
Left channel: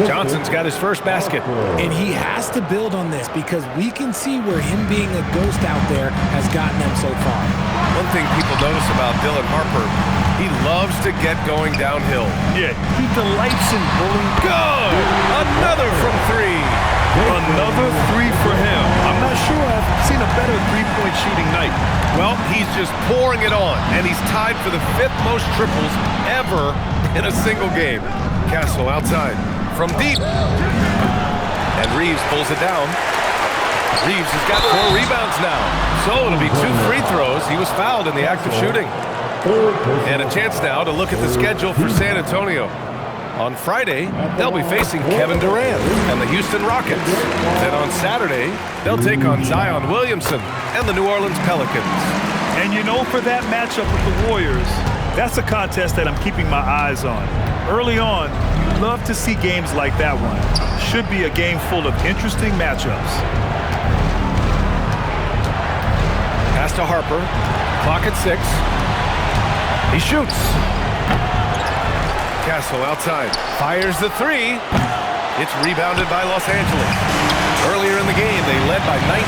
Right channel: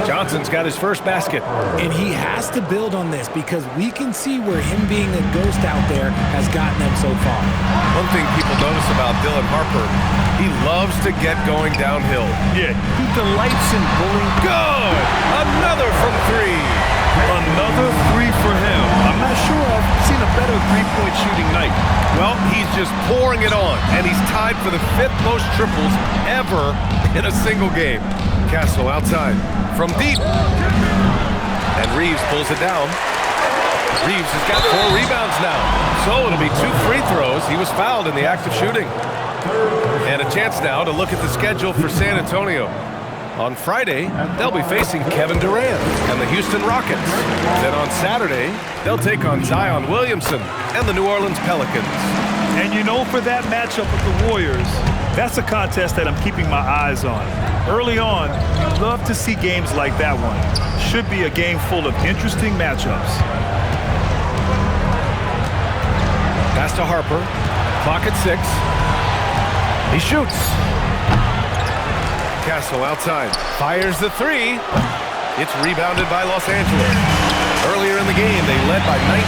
Johnson's got his first basket. And he has to build on this because we can see where him being a ghost out there has gotten them so far. One thing people notice about Dylan Harper, he loves to get going downhill. Yeah, he delights in bullying. Good! Another from 3. Another 3 for him. I'm not sure I've seen a better three-point shooting night. Well, he's just pouring it on, and he's tied for the 5th most triples ever in a single game. Castle outside from deep. And Reeves pulls it down. Reeves has got 4 rebounds now. So it'll be 2 free throws. He was fouled in the act of shooting. And a chance now to look at the schedule for San Antonio. On Friday, they'll be facing Kevin Durant and the Houston Rockets. Then on Saturday, they'll take on Zion Williamson and the New Orleans Pelicans. And you know, for that matchup with the Warriors, that's a contest that I'm keeping my eyes on. Early on, you love to see games like that one. should be a game full of interesting matchups. Pass to Harper. Clock at 6. He shoots. Castle outside. Fires the 3. It's rebounded by Los Angeles. Earlier in the game, they led by 19.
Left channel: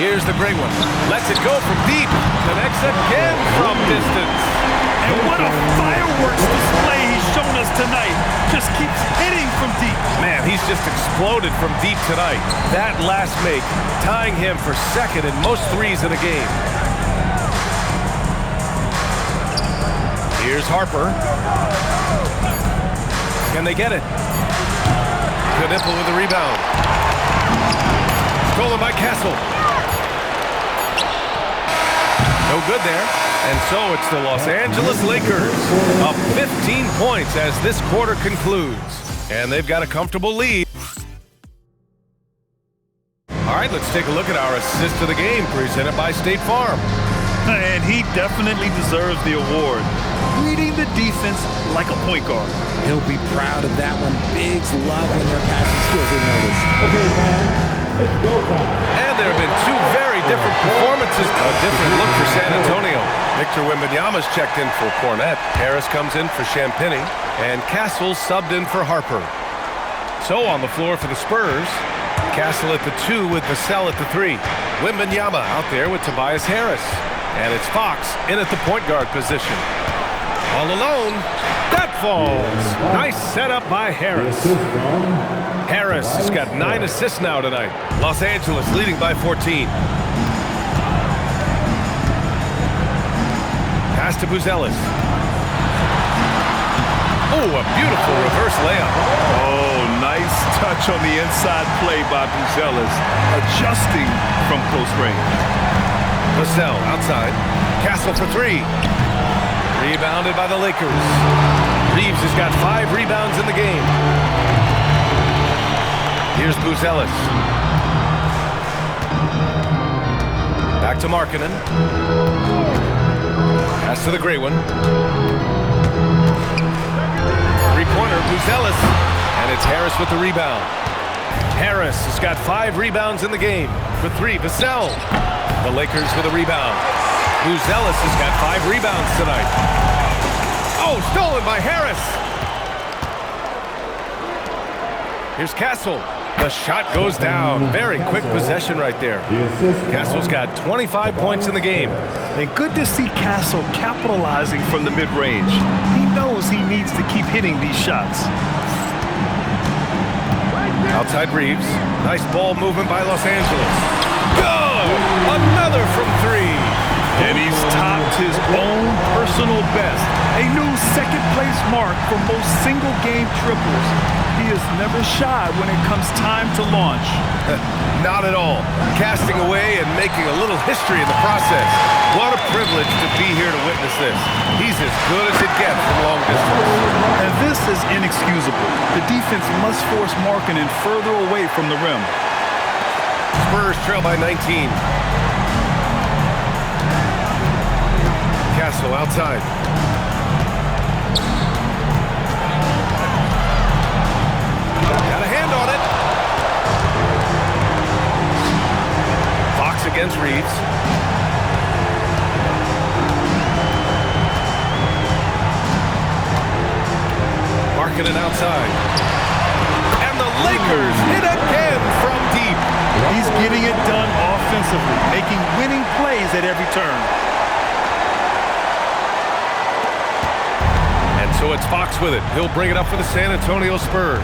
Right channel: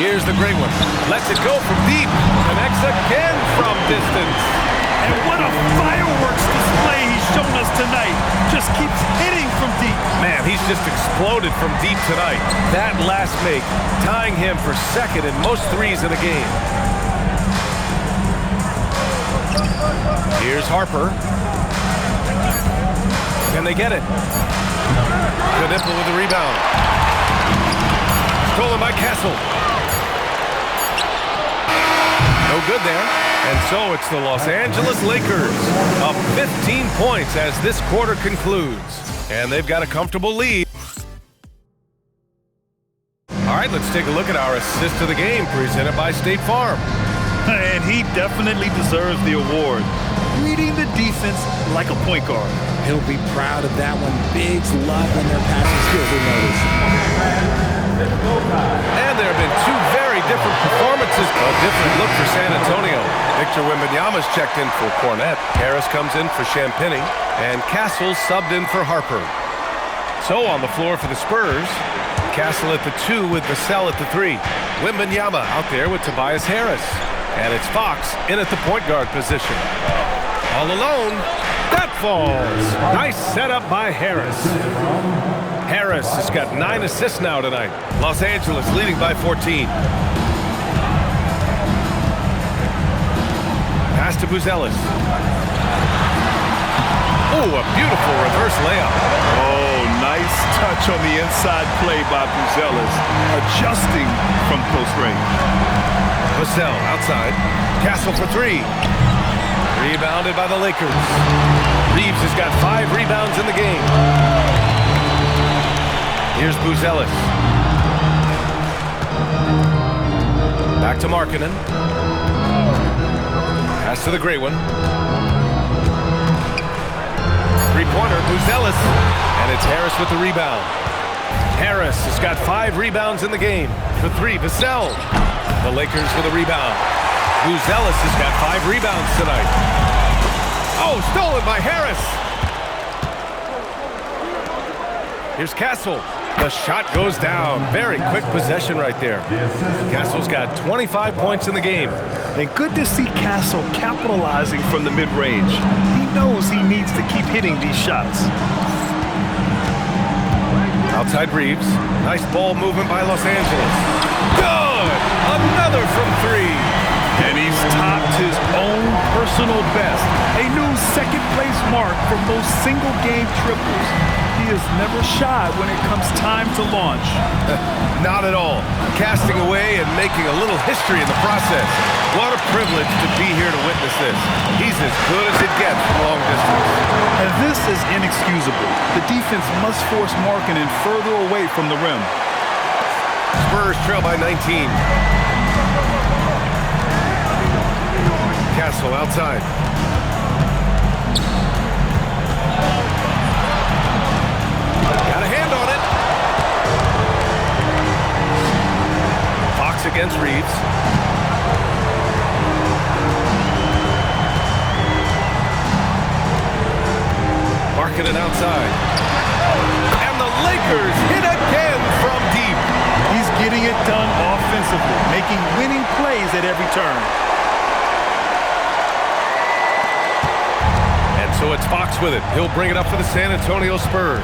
Here's the great one. Lets it go from deep. Connects again from distance. And what a fireworks display he's shown us tonight. Just keeps hitting from deep. Man, he's just exploded from deep tonight. That last make, tying him for second in most threes in a game. Here's Harper. Can they get it? Knipple with the rebound. Stolen by Castle. No good there. And so it's the Los Angeles Lakers up 15 points as this quarter concludes. And they've got a comfortable lead. All right, let's take a look at our assist of the game presented by State Farm. And he definitely deserves the award. Reading the defense like a point guard. He'll be proud of that one. Bigs love when their passing skills are noticed. Okay, fans, let's go time. And there have been two very different performances. A different look for San Antonio. Victor Wembanyama's checked in for Cornette. Harris comes in for Champagnie. And Castle subbed in for Harper. So on the floor for the Spurs, Castle at the 2 with Vassell at the 3. Wembanyama out there with Tobias Harris. And it's Fox in at the point guard position. All alone. That falls. Nice setup by Harris. Harris has got 9 assists now tonight. Los Angeles leading by 14. Pass to Buzelis. Oh, a beautiful reverse layup. Oh, nice touch on the inside play by Buzelis, adjusting from close range. Vassell outside. Castle for 3. Rebounded by the Lakers. Reeves has got 5 rebounds in the game. Here's Buzelis. Back to Markkanen. Pass to the great one. Three-pointer, Buzelis. And it's Harris with the rebound. Harris has got 5 rebounds in the game. For 3, Vassell. The Lakers with a rebound. Buzelis has got 5 rebounds tonight. Oh, stolen by Harris. Here's Castle. The shot goes down. Very quick possession right there. Castle's got 25 points in the game. And good to see Castle capitalizing from the mid-range. He knows he needs to keep hitting these shots. Outside Reeves. Nice ball movement by Los Angeles. Good! Another from 3. And he's topped his own personal best. A new second-place mark for most single-game triples. He is never shy when it comes time to launch. Not at all. Casting away and making a little history in the process. What a privilege to be here to witness this. He's as good as it gets from long distance. And this is inexcusable. The defense must force Markkanen further away from the rim. Spurs trail by 19. Castle outside. Got a hand on it. Fox against Reeves. Markkanen outside. And the Lakers hit again from deep. He's getting it done offensively, making winning plays at every turn. And so it's Fox with it. He'll bring it up for the San Antonio Spurs.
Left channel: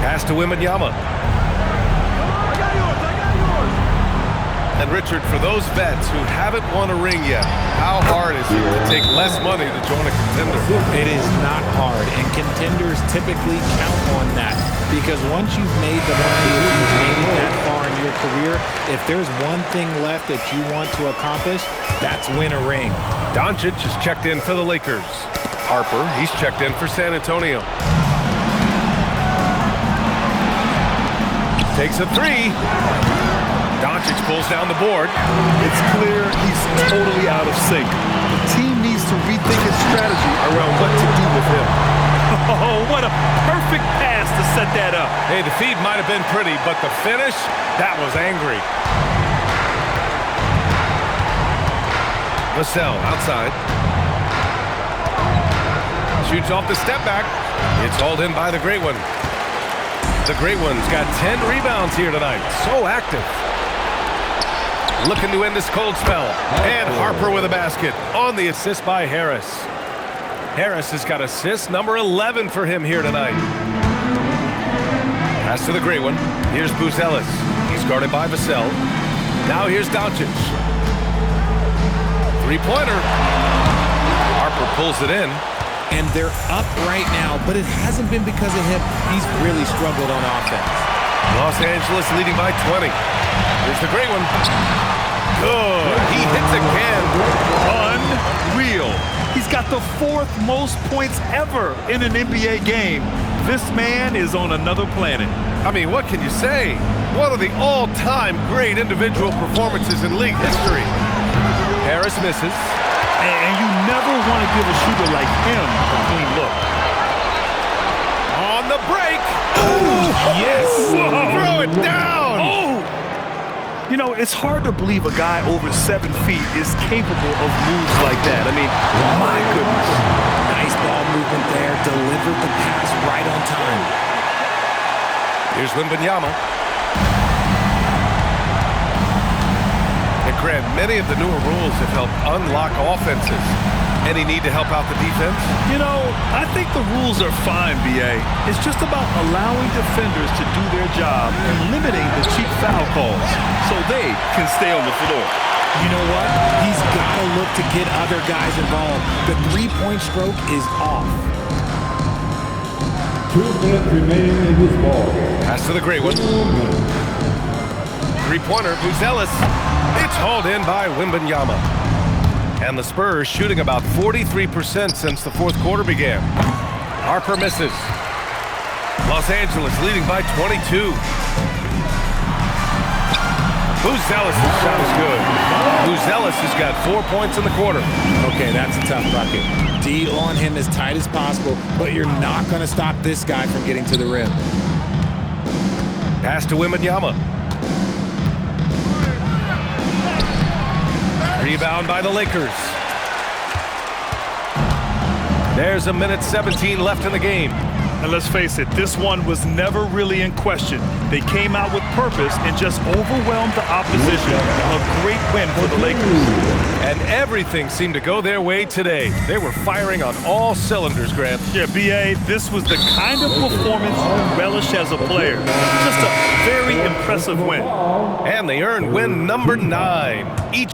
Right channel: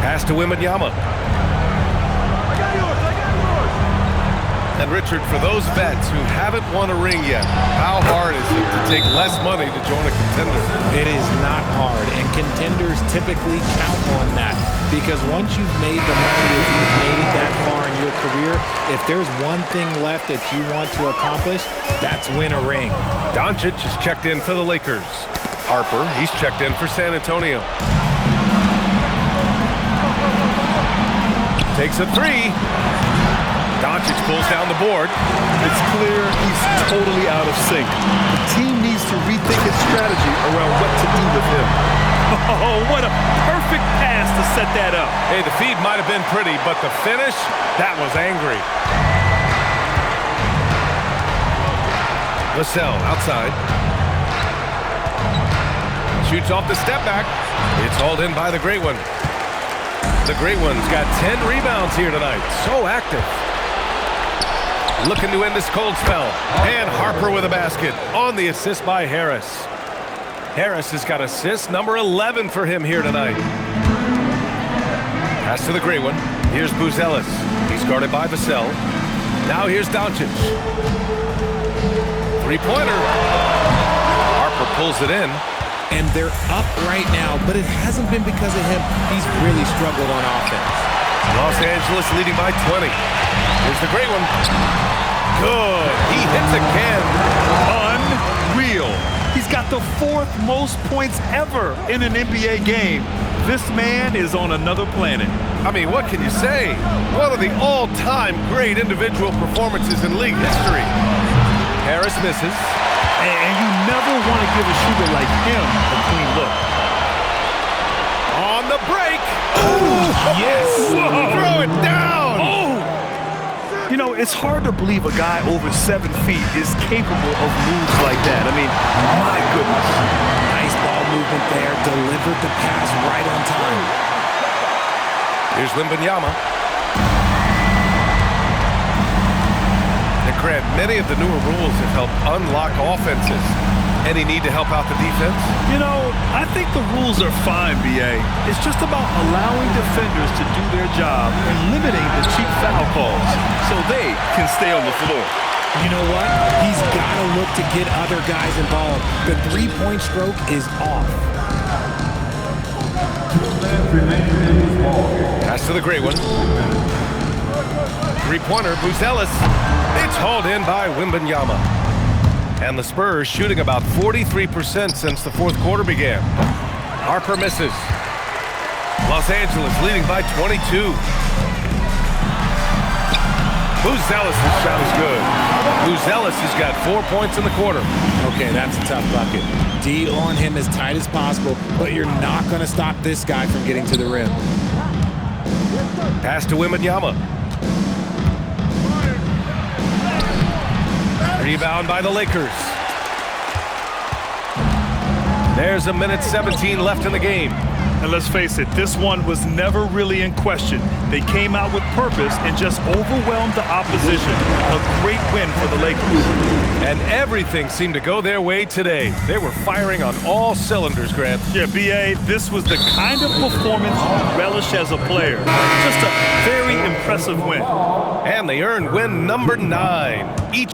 Pass to Wembanyama. I got yours. And Richard, for those vets who haven't won a ring yet, how hard is it to take less money to join a contender? It is not hard, and contenders typically count on that. Because once you've made the money, if you've made it that far in your career, if there's one thing left that you want to accomplish, that's win a ring. Doncic is checked in for the Lakers. Harper, he's checked in for San Antonio. Takes a 3. Doncic pulls down the board. It's clear he's totally out of sync. The team needs to rethink its strategy around what to do with him. Oh, what a perfect pass to set that up. Hey, the feed might have been pretty, but the finish, that was angry. Vassell outside. Shoots off the step back. It's hauled in by the Great One. The Great One's got 10 rebounds here tonight. So active. Looking to end this cold spell. And Harper with a basket on the assist by Harris. Harris has got assist number 11 for him here tonight. Pass to the Great One. Here's Buzelis. He's guarded by Vassell. Now here's Doncic. Three-pointer. Harper pulls it in. And they're up right now, but it hasn't been because of him. He's really struggled on offense. Los Angeles leading by 20. Here's the Great One. Good. He hits again. Unreal. He's got the 4th most points ever in an NBA game. This man is on another planet. I mean, what can you say? One of the all-time great individual performances in league history. Harris misses. And you never want to give a shooter like him a clean look. On the break. Oh, yes. Whoa. Throw it down. Oh. You know, it's hard to believe a guy over 7 feet is capable of moves like that. I mean, my goodness. Nice ball movement there. Delivered the pass right on time. Here's Wembanyama. And Grant, many of the newer rules have helped unlock offenses. Any need to help out the defense? You know, I think the rules are fine, B.A. It's just about allowing defenders to do their job and limiting the cheap foul calls so they can stay on the floor. You know what? He's got to look to get other guys involved. The three-point stroke is off. 2 minutes remaining in this ball game. Pass to the Great One. Three-pointer, Buzelis. It's hauled in by Wembanyama. And the Spurs shooting about 43% since the 4th quarter began. Harper misses. Los Angeles leading by 22. Buzelis' shot is good. Buzelis has got 4 points in the quarter. Okay, that's a tough bucket. D on him as tight as possible, but you're not going to stop this guy from getting to the rim. Pass to Wembanyama. Rebound by the Lakers. There's a minute 17 left in the game. And let's face it, this one was never really in question. They came out with purpose and just overwhelmed the opposition. A great win for the Lakers. And everything seemed to go their way today. They were firing on all cylinders, Grant. Yeah, B.A., this was the kind of performance you relish as a player. Just a very impressive win. And they earned win number 9. Each